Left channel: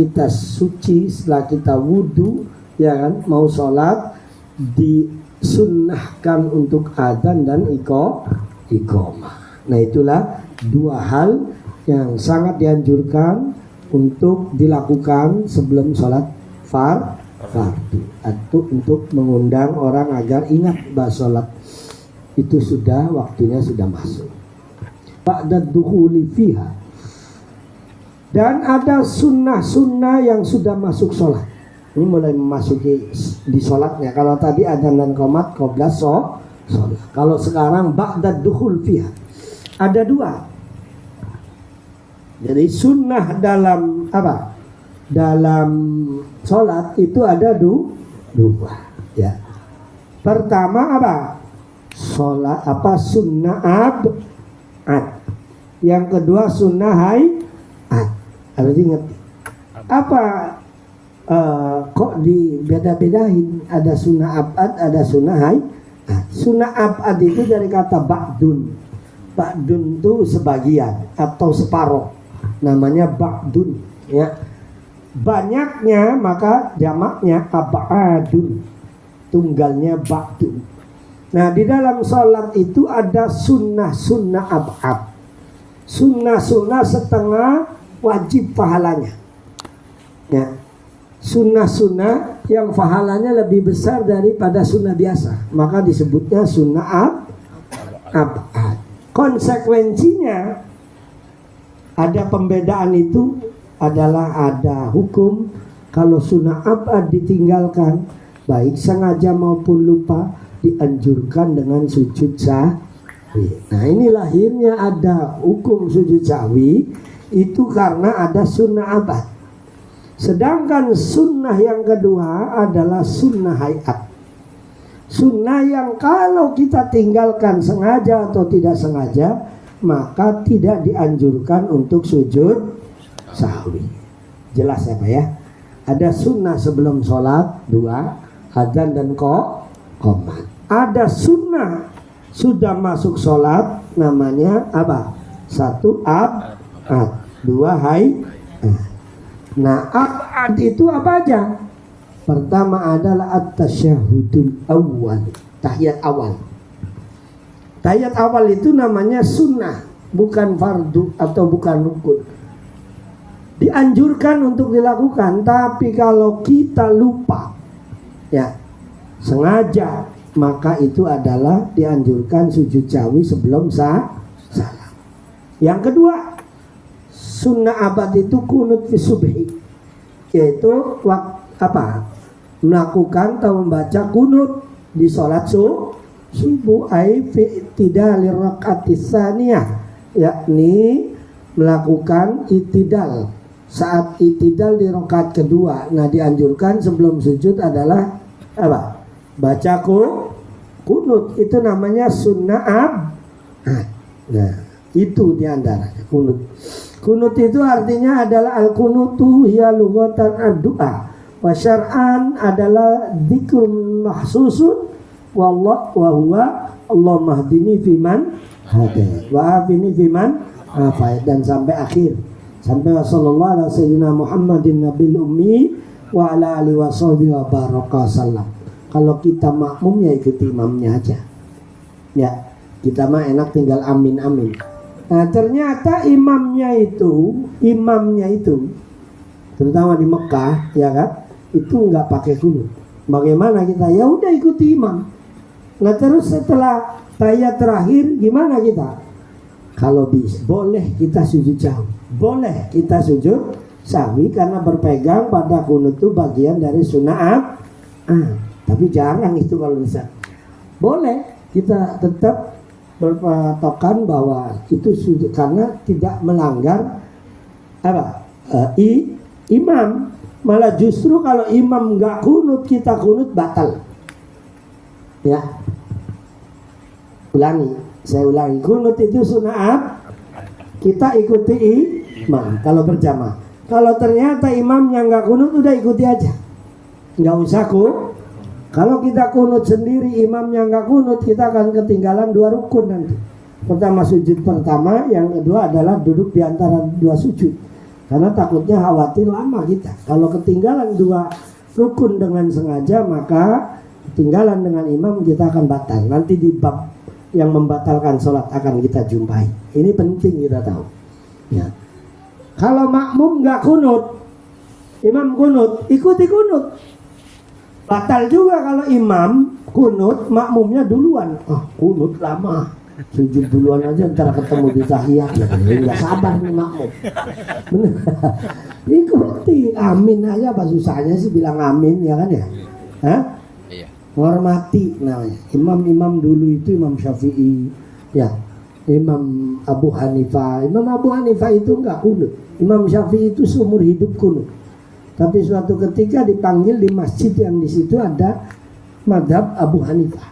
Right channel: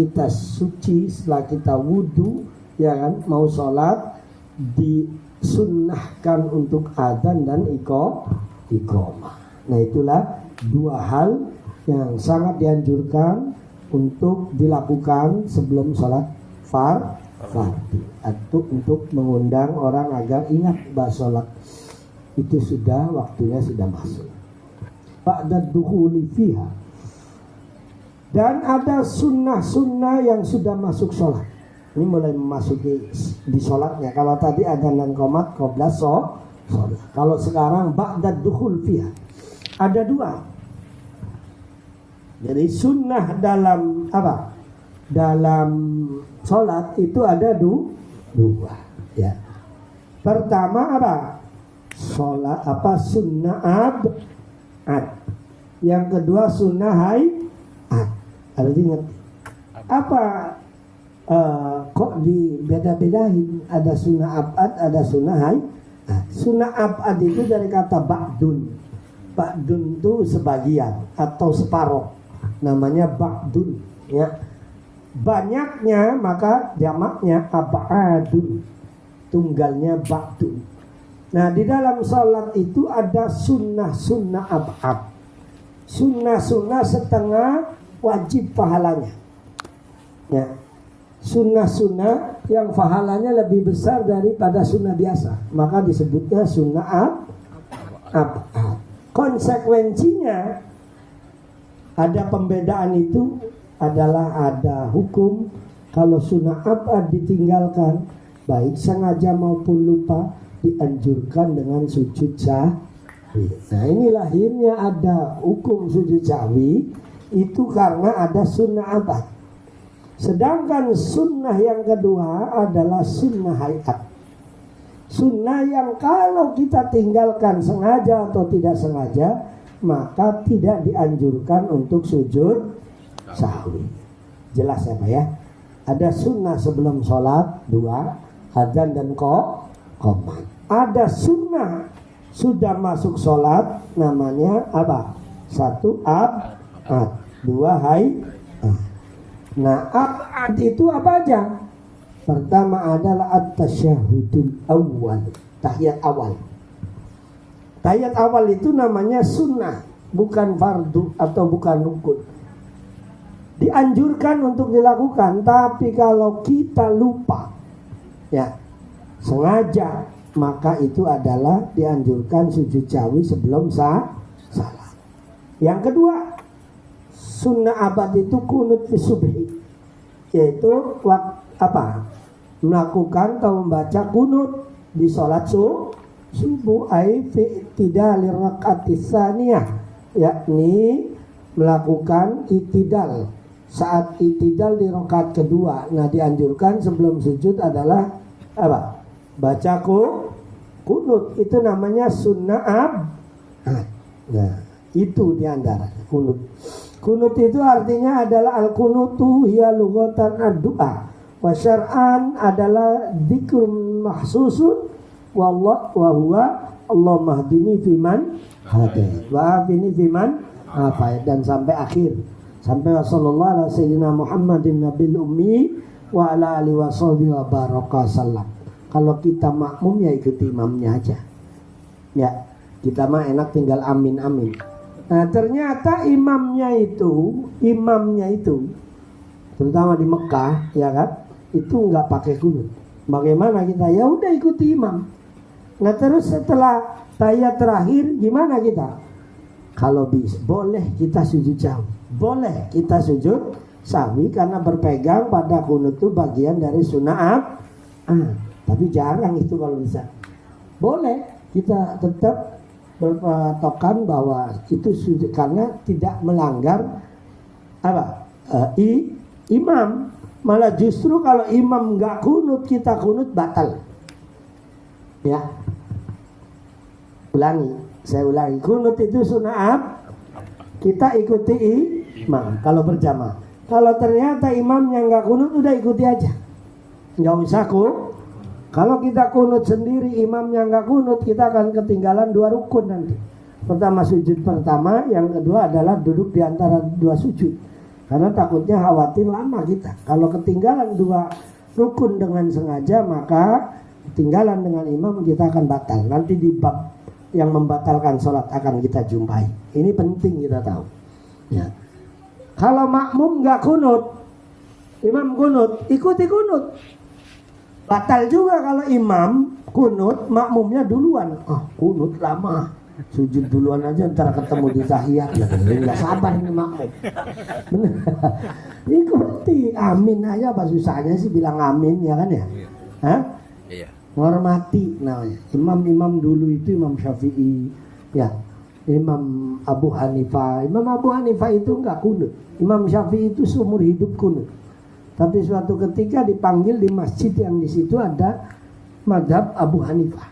kita suci, setelah kita wudhu, ya kan, mau sholat, disunnahkan untuk adzan dan iqamah. Nah, itulah dua hal yang sangat dianjurkan untuk dilakukan sebelum sholat fardu, atau untuk mengundang orang agar ingat bahwa sholat itu sudah waktunya sudah masuk. Ba'da dukhuli fiha. Dan ada sunnah-sunnah yang sudah masuk sholat. Ini mulai memasuki di sholatnya. Kalau tadi adzan dan qomat qabla sholat. Kalau sekarang ba'da dukhul fiha. Ada dua. Jadi sunnah dalam apa? Dalam sholat itu ada dua. Ya. Pertama apa? Sholat apa? Sunnah ab'ad. Yang kedua sunnah hay'at. Harus ingat. Apa? Kok dibeda-bedain? Ada sunnah ab'ad, ada sunnah hay'at. Sunnah ab'ad itu dari kata ba'dun. Ba'dun itu sebagian atau separuh. Namanya ba'dun, ya. Banyaknya maka jamaknya ab'adun. Tunggalnya ba'dun. Nah, di dalam sholat itu ada sunnah-sunnah ab'ad. Sunnah-sunnah setengah wajib pahalanya. Ya. Sunnah-sunnah yang pahalanya lebih besar daripada sunnah biasa, maka disebutnya sunnah ab'ad. Konsekuensinya ada pembedaan itu adalah ada hukum kalau sunnah ab'ad ditinggalkan, baik sengaja maupun lupa, dianjurkan dengan sujud sahwi. Nah, ini lahirnya ada hukum sujud sahwi itu karena ada sunnah ab'ad. Sedangkan sunnah yang kedua adalah sunnah hay'at. Sunnah yang kalau kita tinggalkan sengaja atau tidak sengaja, maka tidak dianjurkan untuk sujud sahwi. Jelas ya Pak ya? Ada sunnah sebelum sholat dua, adzan dan qomat. Ada sunnah sudah masuk sholat, namanya apa? Satu ab'ad, dua hay'at. Nah, ab'ad itu apa aja? Pertama adalah at-tasyahudul awal, tahiyat awal. Tahiyat awal itu namanya sunnah, bukan fardu atau bukan rukun. Dianjurkan untuk dilakukan, tapi kalau kita lupa, ya, sengaja, maka itu adalah dianjurkan sujud sahwi sebelum salam. Yang kedua, sunnah abad itu kunut fi subhi, yaitu melakukan atau membaca kunut di sholat subuh, ai fi i'tidal rakaat tsaniyah, yakni melakukan i'tidal saat i'tidal di rakaat kedua. Nah, dianjurkan sebelum sujud adalah apa? Baca kunut, itu namanya sunnah ab'ad. Nah, itu diantaranya kunut. Kunut itu artinya adalah al-kunutu hiya lughatan ad-du'a, wa syar'an adalah dzikrun mahsusun, wa huwa Allahumma hdini fiman hadait wa afini fiman afait, dan sampai akhir, sampai sallallahu alaihi sayyidina Muhammadin nabil ummi wa ala alihi wa sahbihi wa baraka sallam. Kalau kita makmum ya ikuti imamnya aja, ya, kita mah enak tinggal amin. Nah, ternyata imamnya itu terutama di Mekah, ya kan, itu nggak pakai kunut. Bagaimana kita? Ya udah ikuti imam. Nah, terus setelah tahiyat terakhir gimana kita? Kalau boleh kita sujud sahwi, boleh kita sujud sahwi karena berpegang pada kunut itu bagian dari sunnah tapi jarang itu kalau bisa. Boleh kita tetap berpatokan bahwa itu sujud karena tidak melanggar imam. Malah justru kalau imam nggak kunut, kita kunut, batal. Ya, saya ulangi, kunut itu sunnah kita ikuti imam kalau berjamaah. Kalau ternyata imamnya nggak kunut, udah ikuti aja, nggak usah Kalau kita kunut sendiri, imamnya nggak kunut, kita akan ketinggalan dua rukun nanti. Pertama sujud pertama, yang kedua adalah duduk di antara dua sujud. Karena takutnya khawatir lama kita. Kalau ketinggalan 2 rukun dengan sengaja, maka ketinggalan dengan imam kita akan batal. Nanti di bab yang membatalkan sholat akan kita jumpai. Ini penting kita tahu. Ya. Kalau makmum nggak kunut, imam kunut, ikuti kunut. Batal juga kalau imam kunut, makmumnya duluan. Kunut lama, sujud duluan aja, ntar ketemu di tahiyat. Nggak sabar nih makmum. Ikuti, amin aja, apa susahnya sih bilang amin, ya kan ya? Hah? Hormati namanya. Imam-imam dulu itu Imam Syafi'i, ya, Imam Abu Hanifah. Imam Abu Hanifah itu enggak kunut. Imam Syafi'i itu seumur hidup kunut. Tapi suatu ketika dipanggil di masjid yang di situ ada madhab Abu Hanifah.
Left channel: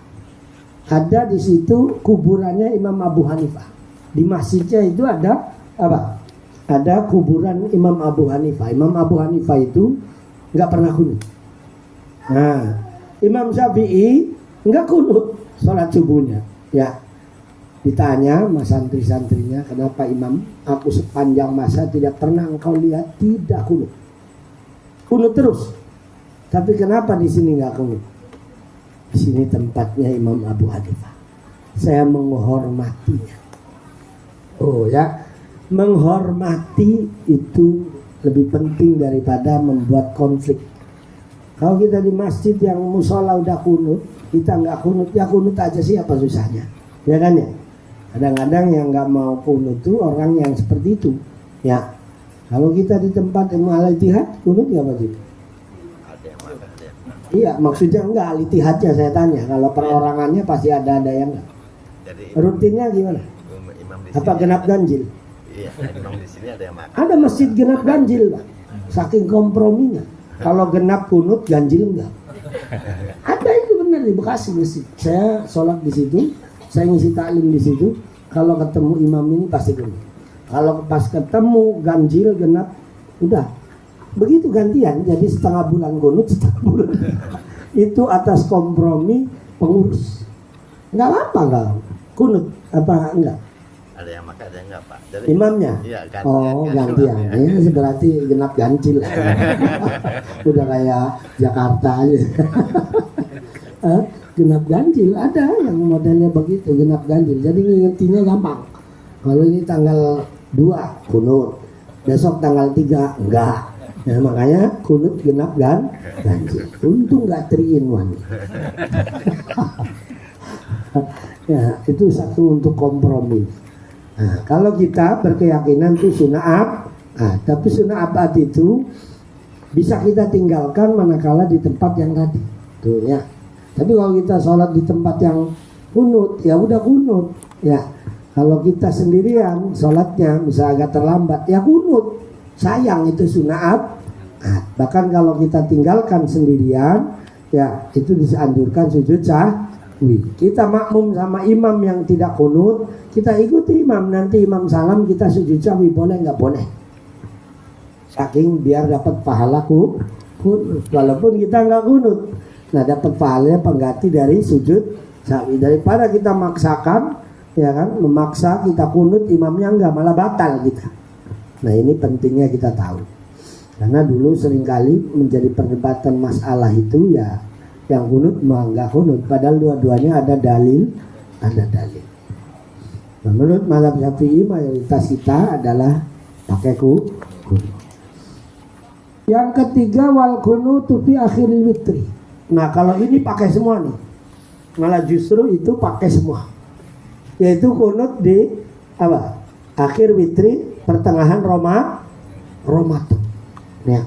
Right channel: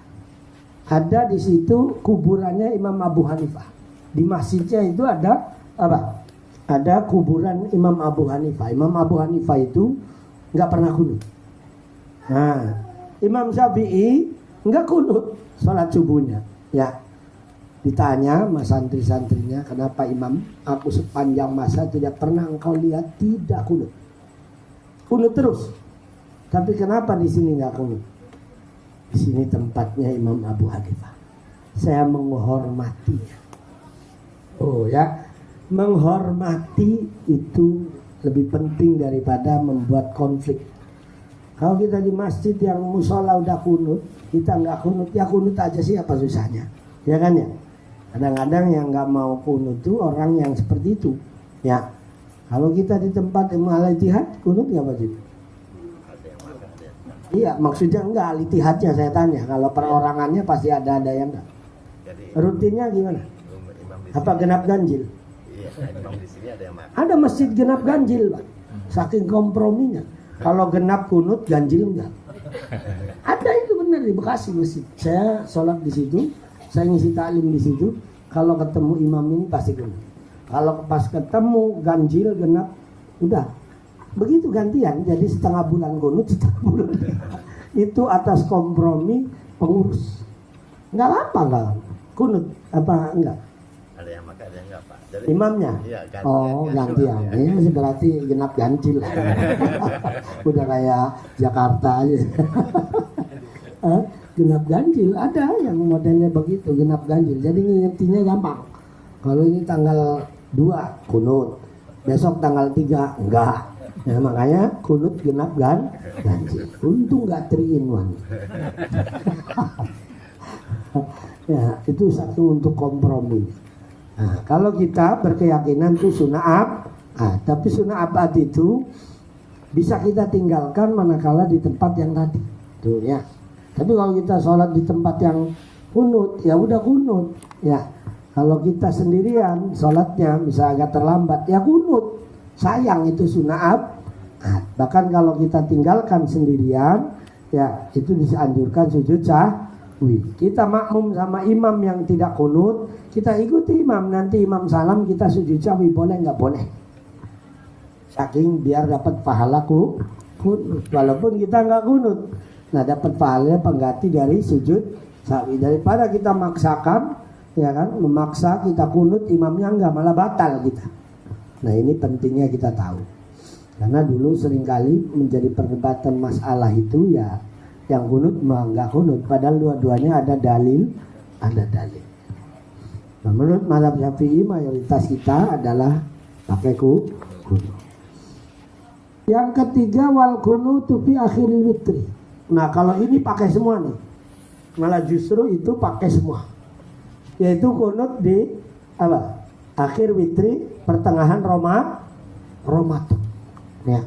Ada di situ kuburannya Imam Abu Hanifah. Di masjidnya itu ada apa? Ada kuburan Imam Abu Hanifah. Imam Abu Hanifah itu enggak pernah kunut. Nah, Imam Syafi'i enggak kunut sholat subuhnya. Ya, ditanya sama santri-santrinya, kenapa Imam, aku sepanjang masa tidak pernah engkau lihat tidak kunut. Kunut terus. Tapi kenapa di sini enggak kunut? Di sini tempatnya Imam Abu Hanifah. Saya menghormatinya. Oh ya, menghormati itu lebih penting daripada membuat konflik. Kalau kita di masjid yang musola udah kunut, kita nggak kunut, ya kunut aja sih, apa susahnya, ya kan ya? Kadang-kadang yang nggak mau kunut tuh orang yang seperti itu, ya. Kalau kita di tempat yang Al-Ittihad, kunut nggak wajib? Iya, maksudnya enggak Al-Ittihadnya saya tanya. Kalau perorangannya pasti ada yang enggak. Rutinnya gimana? Apa genap ganjil? Iya, di sini ada yang makan. Ada masjid genap ganjil, Pak. Saking komprominya. Kalau genap kunut, ganjil enggak. Ada itu benar di Bekasi masjid. Saya sholat di situ, saya ngisi taklim di situ. Kalau ketemu imam ini pasti kunut. Kalau pas ketemu ganjil genap, udah begitu gantian. Jadi setengah bulan kunut, setengah bulan itu atas kompromi pengurus. Enggak apa-apa enggak kunut apa enggak. Ada yang makan, ada yang enggak, Pak. Jadi, imamnya? Iya, gantian. Ini berarti genap ganjil. Udah kayak Jakarta aja. Genap ganjil ada yang modelnya begitu, genap ganjil. Jadi ngingetinnya gampang. Kalau ini tanggal 2 kunut, besok tanggal 3 enggak. Nah makanya kunut genap ganjil. Untung enggak 3 in 1. Ya, itu satu untuk kompromi. Nah, kalau kita berkeyakinan itu sunnah tapi sunnah abad itu bisa kita tinggalkan manakala di tempat yang tadi. Tuh ya. Tapi kalau kita sholat di tempat yang kunut, ya udah kunut. Ya. Kalau kita sendirian sholatnya bisa agak terlambat, ya kunut. Sayang itu sunnah bahkan kalau kita tinggalkan sendirian, ya itu dianjurkan sujud sahwi. Kita makmum sama imam yang tidak kunut, kita ikuti imam, nanti imam salam kita sujud sahwi, boleh nggak boleh? Saking biar dapat pahala kunut, walaupun kita nggak kunut. Nah dapat pahalanya pengganti dari sujud sahwi. Daripada kita maksakan, ya kan, memaksa kita kunut, imamnya nggak, malah batal kita. Nah ini pentingnya kita tahu. Karena dulu seringkali menjadi perdebatan masalah itu ya, yang kunut mah nggak kunut, padahal dua-duanya ada dalil. Nah, menurut mazhab Syafi'i mayoritas kita adalah pakai kunut. Yang ketiga wal kunutu fi akhiril witri. Nah kalau ini pakai semua nih, malah justru itu pakai semua, yaitu kunut di apa? Akhir witri, pertengahan Ramadan. Ya.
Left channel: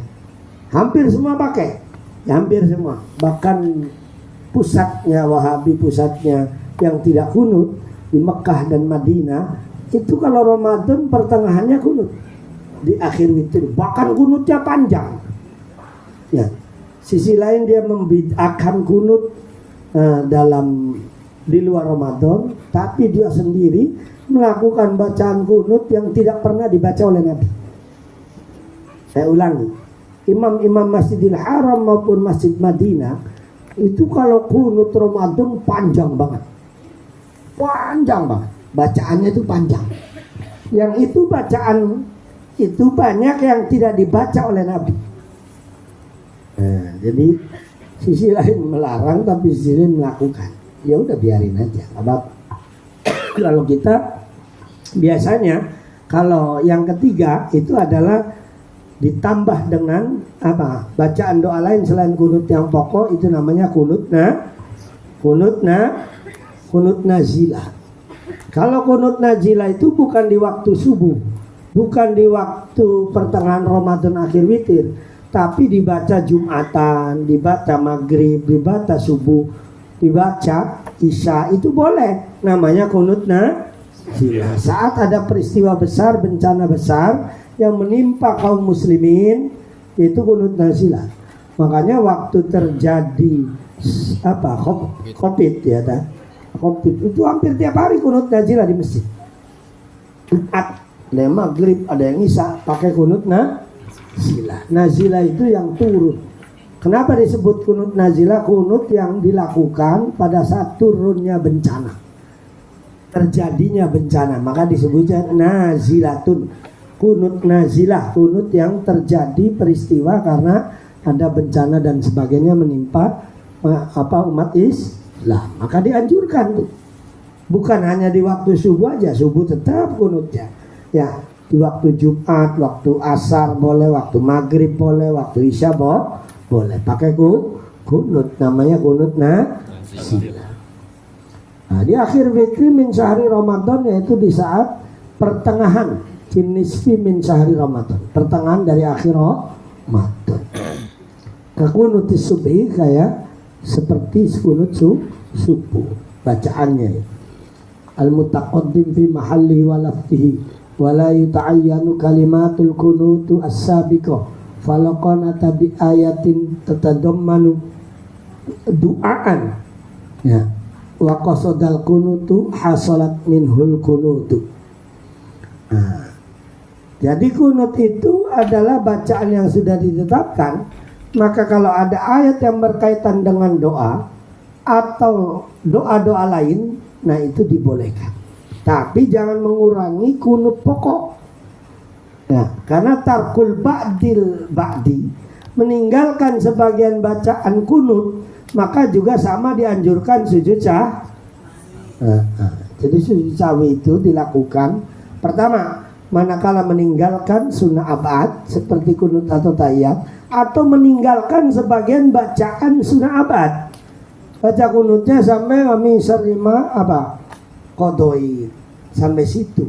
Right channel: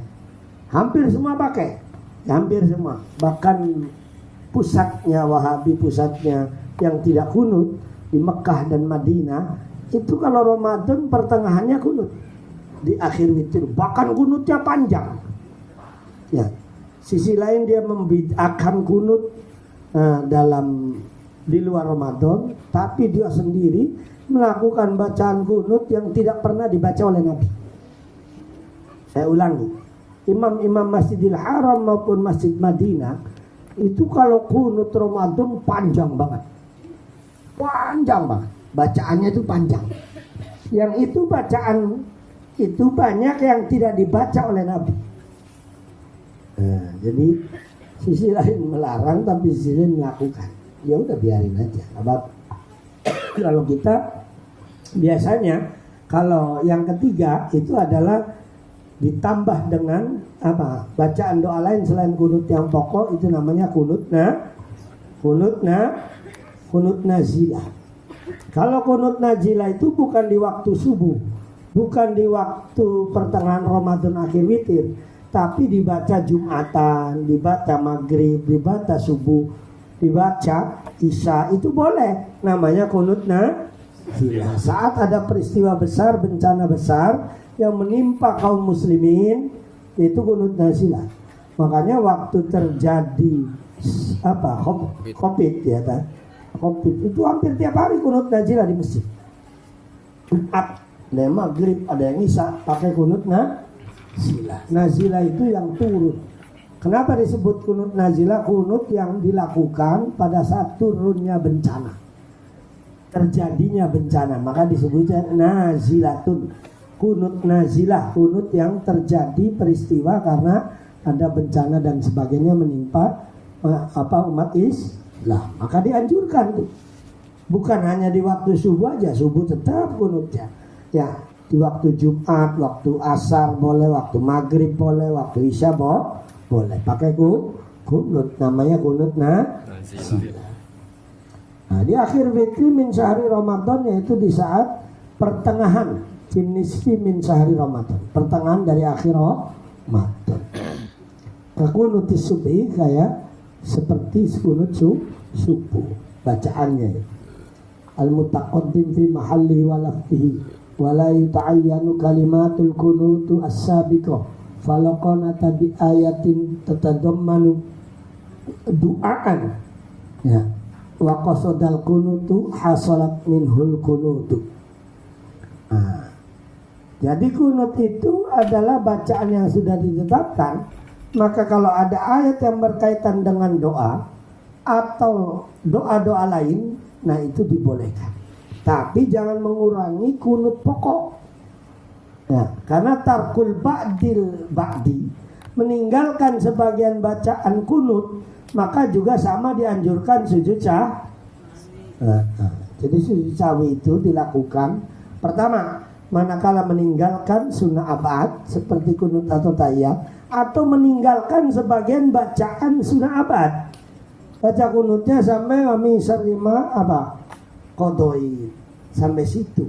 Hampir semua pakai. Hampir semua. Bahkan pusatnya Wahabi, pusatnya yang tidak kunut di Mekah dan Madinah, itu kalau Ramadan pertengahannya kunut. Di akhir witri, bahkan kunutnya panjang. Ya. Sisi lain dia membid'ahkan kunut dalam di luar Ramadan, tapi dia sendiri melakukan bacaan kunut yang tidak pernah dibaca oleh Nabi. Saya ulangi, imam-imam Masjidil Haram maupun Masjid Madinah itu kalau kunut Ramadan panjang banget, bacaannya itu panjang. Yang itu bacaan itu banyak yang tidak dibaca oleh Nabi. Nah, jadi sisi lain melarang tapi sisi lain melakukan. Ya udah biarin aja. Kalau kita biasanya kalau yang ketiga itu adalah ditambah dengan apa? Bacaan doa lain selain kunut yang pokok, itu namanya kunut nazilah. Kalau kunut nazilah itu bukan di waktu subuh, bukan di waktu pertengahan Ramadan akhir witir, tapi dibaca Jumatan, dibaca maghrib, dibaca subuh, dibaca isya, itu boleh. Namanya kunut nazilah. Saat ada peristiwa besar, bencana besar yang menimpa kaum muslimin, itu kunut nazilah. Makanya waktu terjadi COVID ya, COVID itu hampir tiap hari kunut nazilah di masjid. Jumat, ada yang maghrib, ada yang isya pakai kunut nazilah. Nazilah itu yang turun. Kenapa disebut kunut nazilah? Kunut yang dilakukan pada saat turunnya bencana, terjadinya bencana, maka disebutnya nazilatun. Kunut nazilah, kunut yang terjadi peristiwa karena ada bencana dan sebagainya menimpa umat Islam, maka dianjurkan tuh. Bukan hanya di waktu subuh aja, subuh tetap kunutnya. Ya, di waktu Jumat, waktu asar boleh, waktu maghrib boleh, waktu isya boleh. Pakai kunut, namanya kunut nazilah. Nah, di akhir fitri min syahri Ramadan, yaitu di saat pertengahan nisfi min syahri Ramadan, pertengahan dari akhir Ramadan. Kakunutis subhi, kayak seperti kunut subuh bacaannya. Al-mutaqaddim fi mahalli wa lafzihi wa la yuta'ayyanu kalimatul kunutu as-sabiqah falaqanata bi ayatin tatadammanu du'aan ya wa qasadal kunutu hasalat minhul kunutu. Nah, jadi kunut itu adalah bacaan yang sudah ditetapkan. Maka kalau ada ayat yang berkaitan dengan doa atau doa-doa lain, nah itu dibolehkan. Tapi jangan mengurangi kunut pokok. Nah, karena tarkul ba'di, meninggalkan sebagian bacaan kunut, maka juga sama dianjurkan sujud jadi sujud sahwi itu dilakukan pertama manakala meninggalkan sunnah abad seperti kunut atau tahiyat, atau meninggalkan sebagian bacaan sunnah abad. Baca kunutnya sampai kami serima qodoi sampai situ,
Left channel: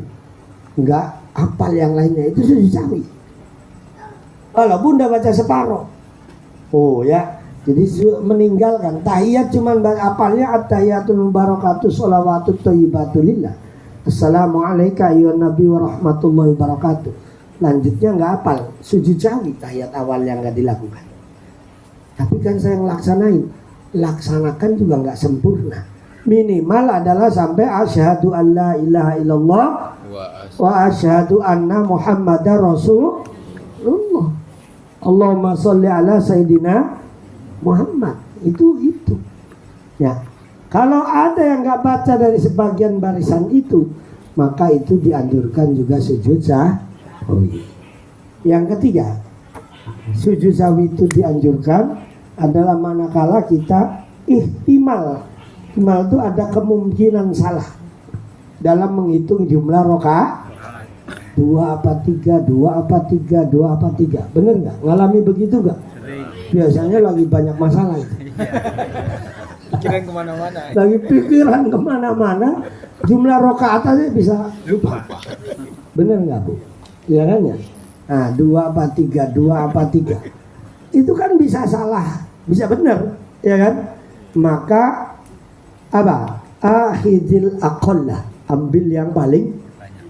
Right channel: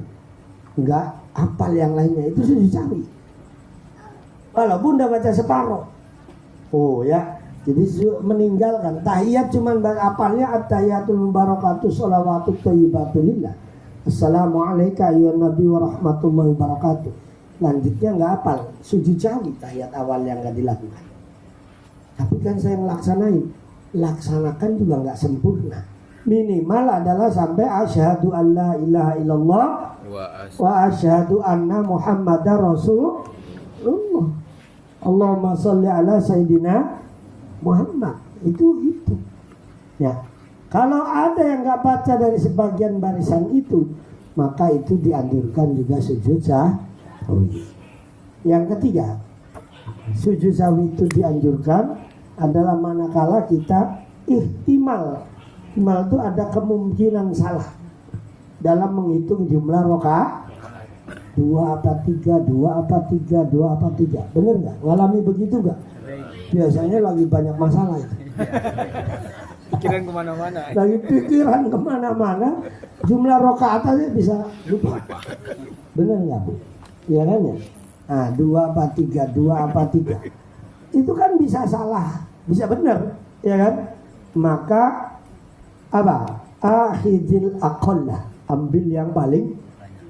enggak hafal yang lainnya, itu sujud sahwi. Walaupun udah baca separuh, jadi meninggalkan tahiyat cuman hafalnya at-tahiyatul mubarakatuh sholawatut thayyibatulillah, assalamualaikum ayyuhan nabi wa rahmatullahi wabarakatuh. Lanjutnya nggak hafal, sujud sahwi tahiyat awal yang nggak dilakukan. Tapi kan saya laksanakan juga nggak sempurna. Minimal adalah sampai asyhadu an la ilaha illallah wa asyhadu anna muhammadar rasulullah. Allahumma sholli ala sayyidina Muhammad. Itu. Ya. Kalau ada yang nggak baca dari sebagian barisan itu, maka itu dianjurkan juga sujud sahwi. Yang ketiga, sujud sahwi itu dianjurkan adalah manakala kita ihtimal itu ada kemungkinan salah dalam menghitung jumlah rakaat. 2 apa 3, 2 apa 3, 2 apa 3. Bener nggak? Ngalami begitu nggak? Biasanya lagi banyak masalah itu. Pikiran kemana-mana. Lagi pikiran kemana-mana, jumlah rakaat aja bisa lupa. Bener nggak Bu? Ya kan ya? Nah, 2 apa 3, 2 apa 3. Itu kan bisa salah, bisa benar, ya kan? Maka akhidil aqallah, ambil yang paling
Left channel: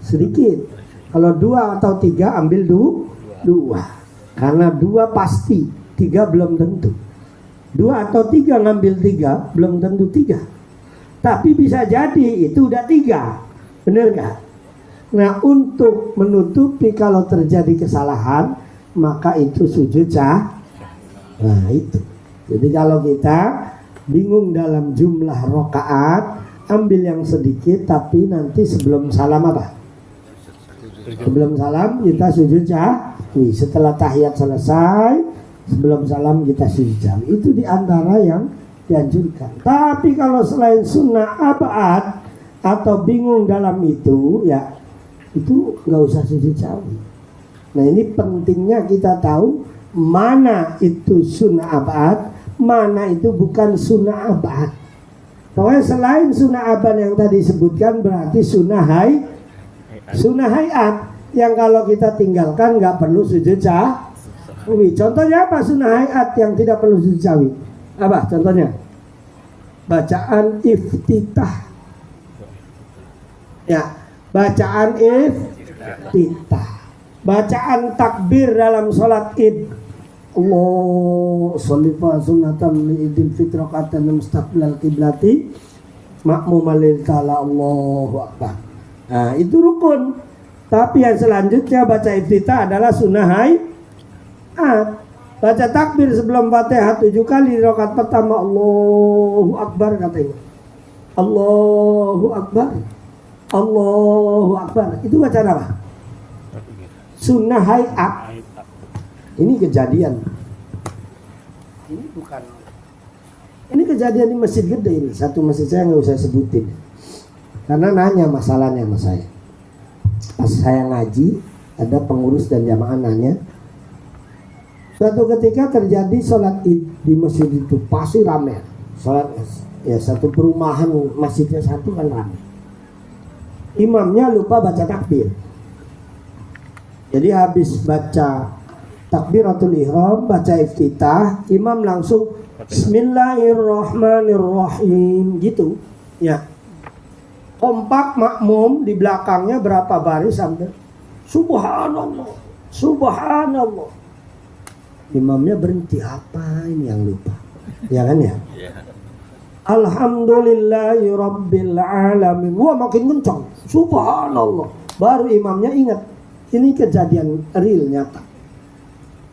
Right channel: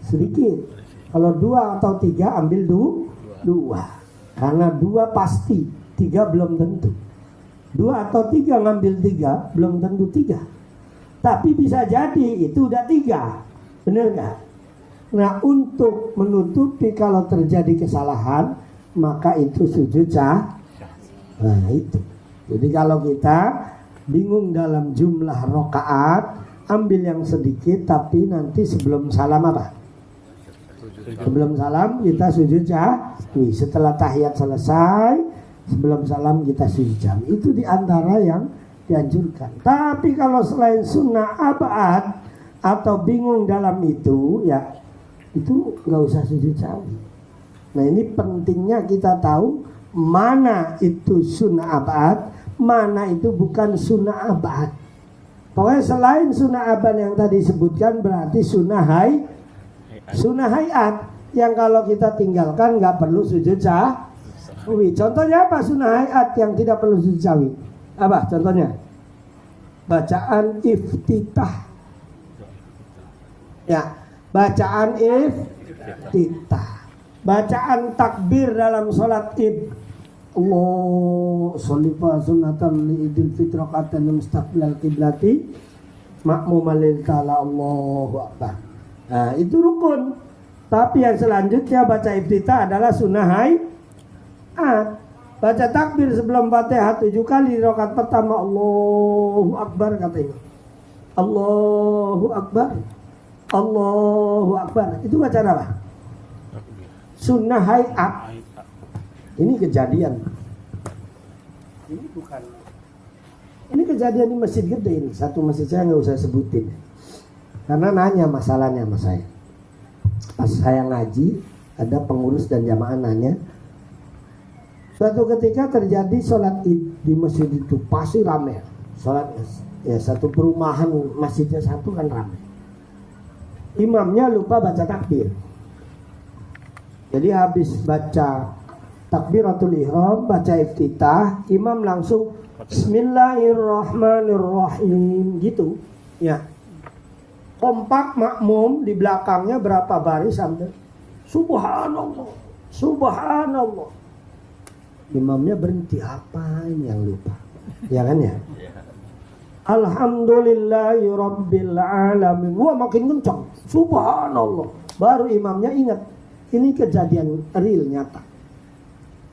sedikit. Kalau 2 atau 3 ambil 2. Karena 2 pasti, 3 belum tentu. 2 atau 3 ngambil 3 belum tentu 3. Tapi bisa jadi itu udah 3. Benar gak? Nah, untuk menutupi kalau terjadi kesalahan, maka itu sujud Nah itu. Jadi kalau kita bingung dalam jumlah rakaat, ambil yang sedikit, tapi nanti sebelum salam Sebelum salam kita sujud sahwi. Setelah tahiyat selesai, sebelum salam kita sujud sahwi. Itu diantara yang dianjurkan. Tapi kalau selain sunnah abad atau bingung dalam itu, ya itu nggak usah sujud sahwi. Nah ini pentingnya kita tahu mana itu sunnah abad, mana itu bukan sunnah abad. Pokoknya selain sunnah abad yang tadi disebutkan berarti sunnah hayat yang kalau kita tinggalkan nggak perlu sujud sahwi. Contohnya apa sunnah hayat yang tidak perlu sujud sahwi? Apa contohnya? Bacaan iftitah. Ya, bacaan iftitah. Bacaan takbir dalam sholat id. Allah sholli fa sunatan li idil fitraqatan mustaqbilal qiblati makmum lil kala Allahu akbar. Nah, itu rukun. Tapi yang selanjutnya baca iftitah adalah sunnah hayat. Baca takbir sebelum Fatihah 7 kali di rakaat pertama Allahu akbar katanya. Allahu akbar. Allahu akbar. Itu bacaan apa? Sunnah hayat. Ini kejadian. Ini bukan. Ini kejadian di masjid gede ini. Satu masjid saya nggak usah sebutin. Karena nanya masalahnya sama saya. Pas saya ngaji, ada pengurus dan jamaah nanya. Suatu ketika terjadi sholat id di masjid itu pasti ramai. Sholat ya satu perumahan masjidnya satu kan ramai. Imamnya lupa baca takbir. Jadi habis baca takbiratul ihram, baca iftitah, imam langsung Bismillahirrahmanirrahim gitu. Ya. Kompak makmum di belakangnya berapa baris sampai Subhanallah, Subhanallah. Imamnya berhenti, apa ini yang lupa? Ya kan ya? Alhamdulillahi Rabbil Alamin. Wah makin kencang, Subhanallah. Baru imamnya ingat, ini kejadian real nyata.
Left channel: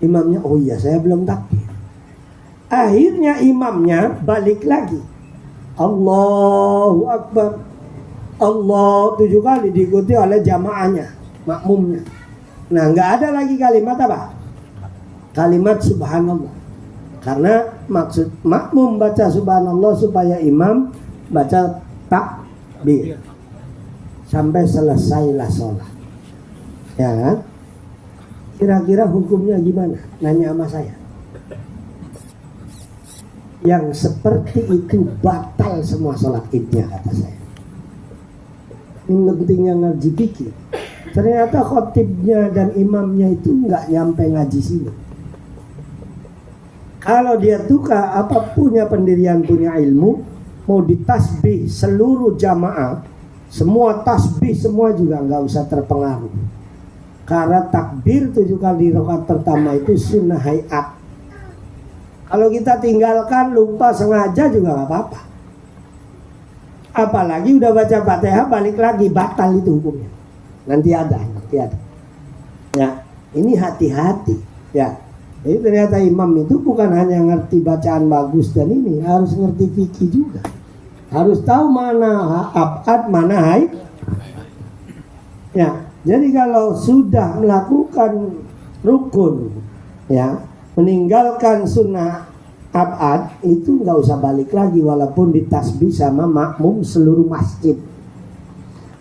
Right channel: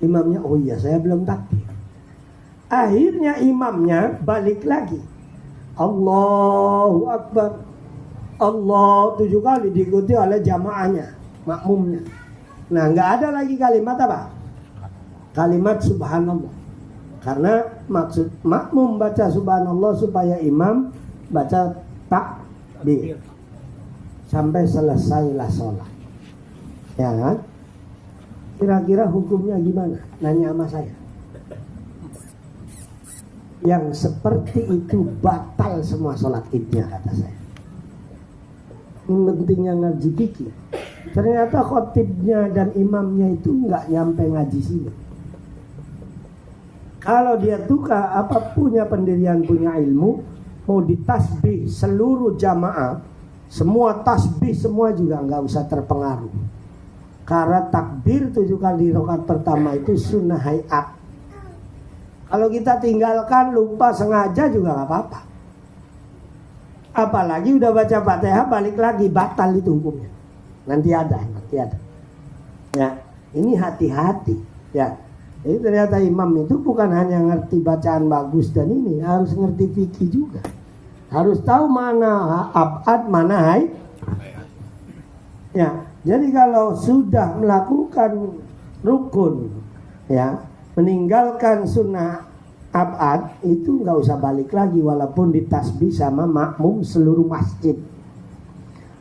Imamnya, oh iya saya belum takbir. Akhirnya imamnya balik lagi. Allahu Akbar. Allah 7 kali diikuti oleh jamaahnya, makmumnya. Nah nggak ada lagi kalimat apa? Kalimat subhanallah. Karena maksud makmum baca subhanallah supaya imam baca takbir sampai selesailah sholat. Ya kan? Kira-kira hukumnya gimana? Nanya sama saya. Yang seperti itu batal semua sholat idnya kata saya. Yang pentingnya ngaji fikih. Ternyata khotibnya dan imamnya itu nggak nyampe ngaji sini. Kalau dia tukar apa punya pendirian, punya ilmu, mau ditasbih seluruh jamaah, semua tasbih semua juga nggak usah terpengaruh. Karena takbir 7 kali di rakaat pertama itu sunnah hayat. Kalau kita tinggalkan lupa sengaja juga nggak apa-apa. Apalagi udah baca Fatihah balik lagi, batal itu hukumnya. Nanti ada. Ya, ini hati-hati. Ya, jadi ternyata imam itu bukan hanya ngerti bacaan bagus dan ini, harus ngerti fikih juga. Harus tahu mana abad, mana hayat. Ya, jadi kalau sudah melakukan rukun, ya, meninggalkan sunnah abad itu nggak usah balik lagi walaupun ditasbih sama makmum seluruh masjid.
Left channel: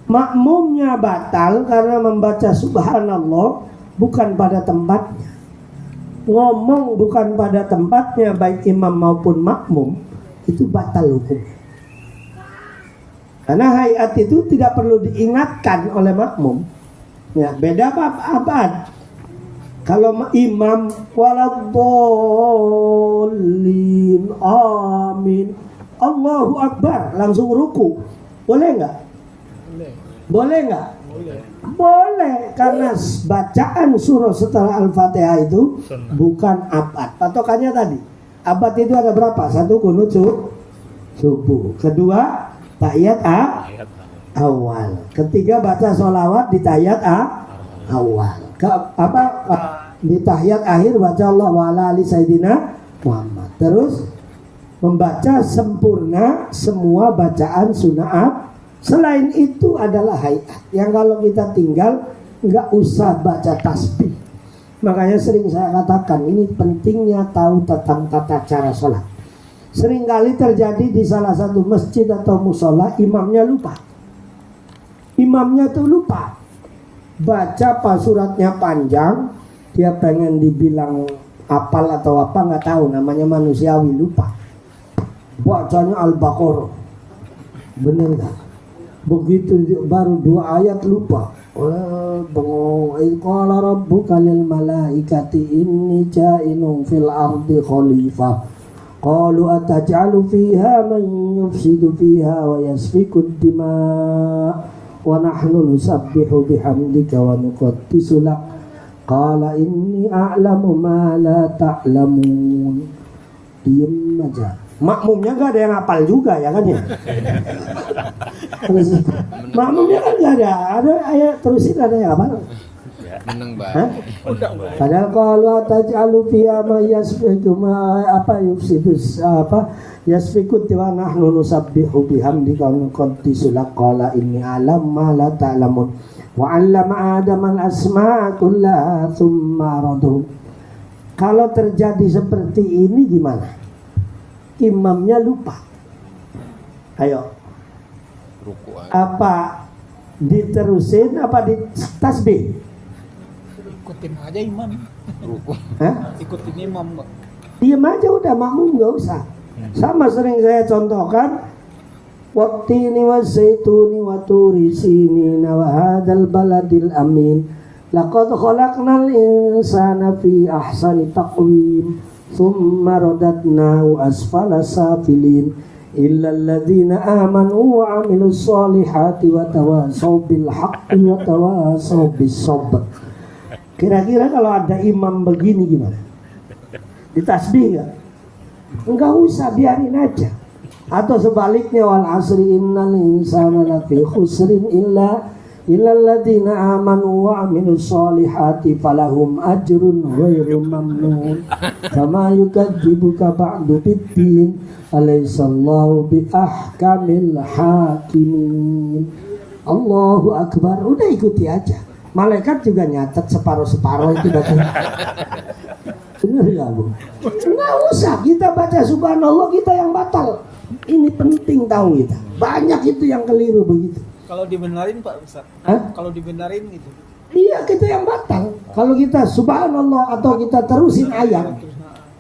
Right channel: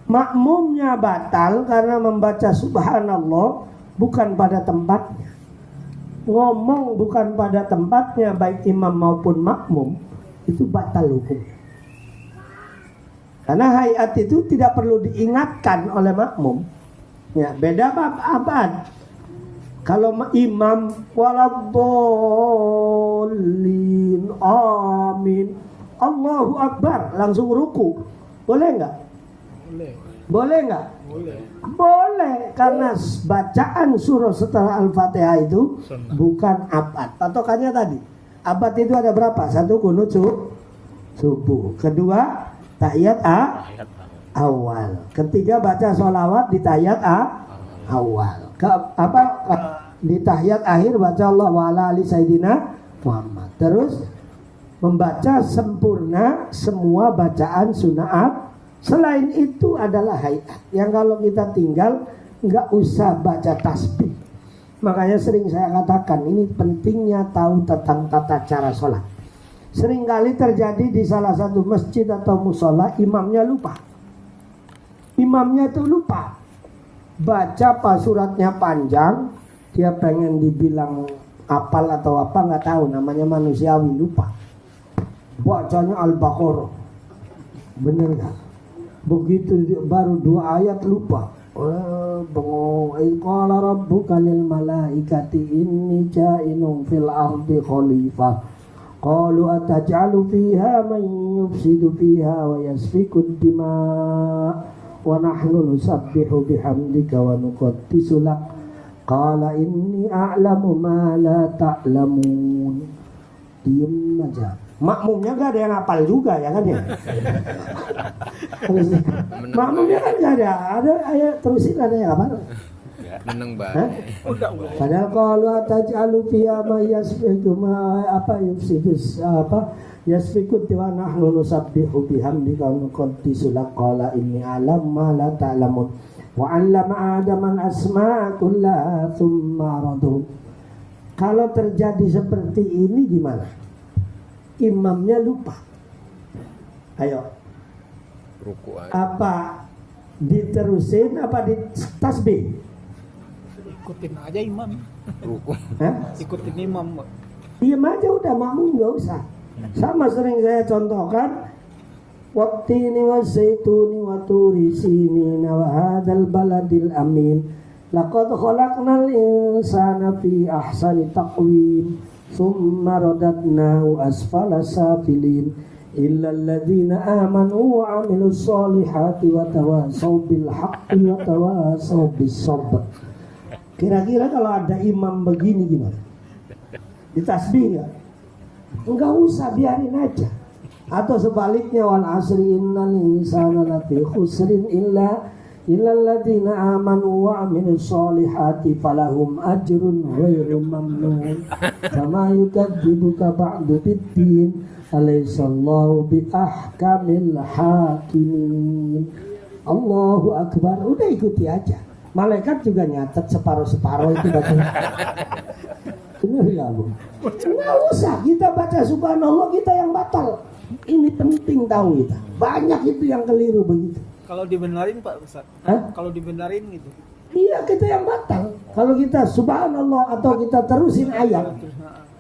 Makmumnya batal karena membaca subhanallah bukan pada tempatnya. Ngomong bukan pada tempatnya baik imam maupun makmum itu batal hukum. Karena hayat itu tidak perlu diingatkan oleh makmum. Ya, beda abad. Kalau imam waladhdallin amin Allahu Akbar langsung ruku, boleh nggak? Boleh nggak? Boleh, karena bacaan surah setelah Al-Fatihah itu bukan abad. Patokannya tadi abad itu ada berapa? 1 kunut subuh, kedua tahiyat awal, ketiga baca sholawat di tahiyat awal, di tahiyat akhir baca Allah wa ala ali sayyidina Muhammad. Terus membaca sempurna semua bacaan sunnah. Selain itu adalah hayat yang kalau kita tinggal nggak usah baca tasbih. Makanya sering saya katakan ini pentingnya tahu tentang tata cara sholat. Seringkali terjadi di salah satu masjid atau musola, imamnya lupa. Imamnya tuh lupa baca pas suratnya panjang, dia pengen dibilang apal atau apa nggak tahu, namanya manusiawi, lupa. Bacanya Al-Baqarah, bener nggak? Begitu baru 2 ayat lupa. Bengong. Qala rabbuka lil malaikati inni ja'ilun fil ardi khalifah. Qalu ataj'alu fiha man yufsidu fiha wa yasfiku ad-dima' wa nahnu nusabbihu bihamdika wa nuqaddisu lak. Qala inni a'lamu ma la ta'lamun. Diam aja. Makmumnya gak ada yang hafal juga ya kan ya. Makmumnya kan gak ada ayat terusin ada yang hafal. Meneng Hah? banget. Padahal kalau taj'alu fiha ma yasfiku ma apa yufsidus apa yasfiku wa nahnu nusabbihu bihamdika wa nuqaddisu lak. Qala inni a'lamu ma la ta'lamun. Wa 'allama Adama al-asma'a kullaha tsumma radhu. Kalau terjadi seperti ini gimana? Imamnya lupa. Ayo. Ruku aja. Apa diterusin apa di tasbih? Ikutin aja imam. Ruku. Hah? Ikutin imam kok. Diam aja udah, makmum nggak usah. Sama sering saya contohkan, wattini wazaituni wa turi sinina wa hadzal baladil amin. Laqad khalaqnal insana fi ahsani taqwim. Thumma radadnahu asfala safilin illa alladhina amanu wa 'amilus solihati wa tawasaw bil haqqi wa tawasaw bis sabr. Kira-kira kalau ada imam begini gimana? Ditasbih enggak? Enggak usah, biarin aja. Atau sebaliknya, wal asri innal insana lafi khusrin illa alladhina amanu wa 'amilus solihati falahum ajrun ghairu mamnun. Kama yukadzibuka ba'du biddin alaysallahu bi ahkamil hakimin. Allahu akbar. Udah ikuti aja. Malaikat juga nyatet separuh-separuh itu baca. Bener ya Bu? Nggak usah kita baca subhanallah, kita yang batal. Ini penting tahu kita. Banyak itu yang keliru begitu. Kalau dibenarin Pak Ustaz. Hah? Kalau dibenarin gitu. Iya, kita yang batal. Kalau kita subhanallah atau kita terusin ayat,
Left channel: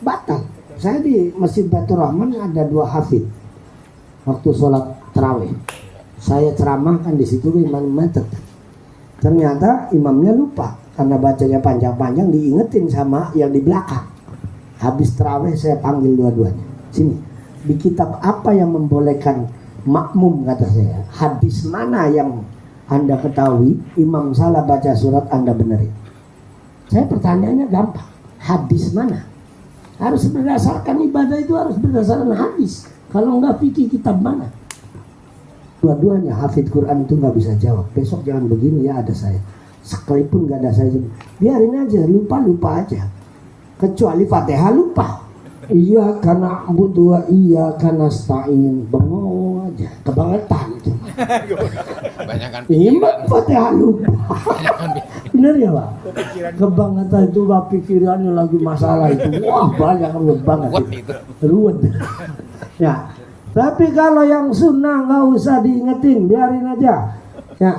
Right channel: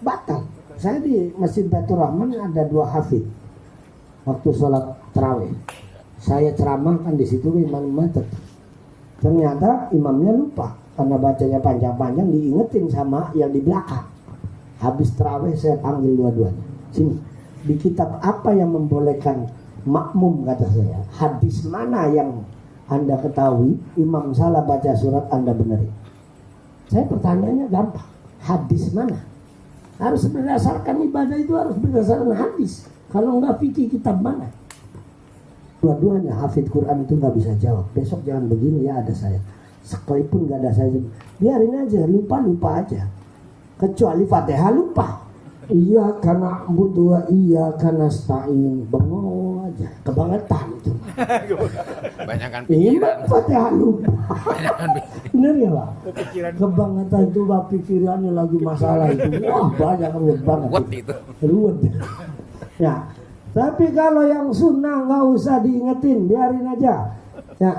batal. Saya di Masjid Baitur Rahman ada 2 hafid. Waktu sholat tarawih, saya ceramahkan di situ, imamnya tetap. Ternyata imamnya lupa karena bacanya panjang-panjang, diingetin sama yang di belakang. Habis tarawih saya panggil dua-duanya. Sini, di kitab apa yang membolehkan makmum, kata saya, hadis mana yang Anda ketahui imam salah baca surat Anda benerin? Saya pertanyaannya gampang, hadis mana? Harus berdasarkan ibadah itu harus berdasarkan hadis. Kalau enggak fikih kitab mana? Dua-duanya hafid Quran itu nggak bisa jawab. Besok jangan begini ya, ada saya. Sekalipun nggak ada saya juga, biarin aja, lupa aja. Kecuali Fatihah lupa. Iya karena butuh, iya karena stain, bengong aja, kebangetan itu. Banyakan Imam pikiran. Fatihah lupa. Bener ya Pak? Pikiran Kebangetan itu Pak, pikirannya lagi masalah itu. Wah banyak banget. kuat itu. Ruwet. Ya. Tapi kalau yang sunnah nggak usah diingetin, biarin aja. Ya.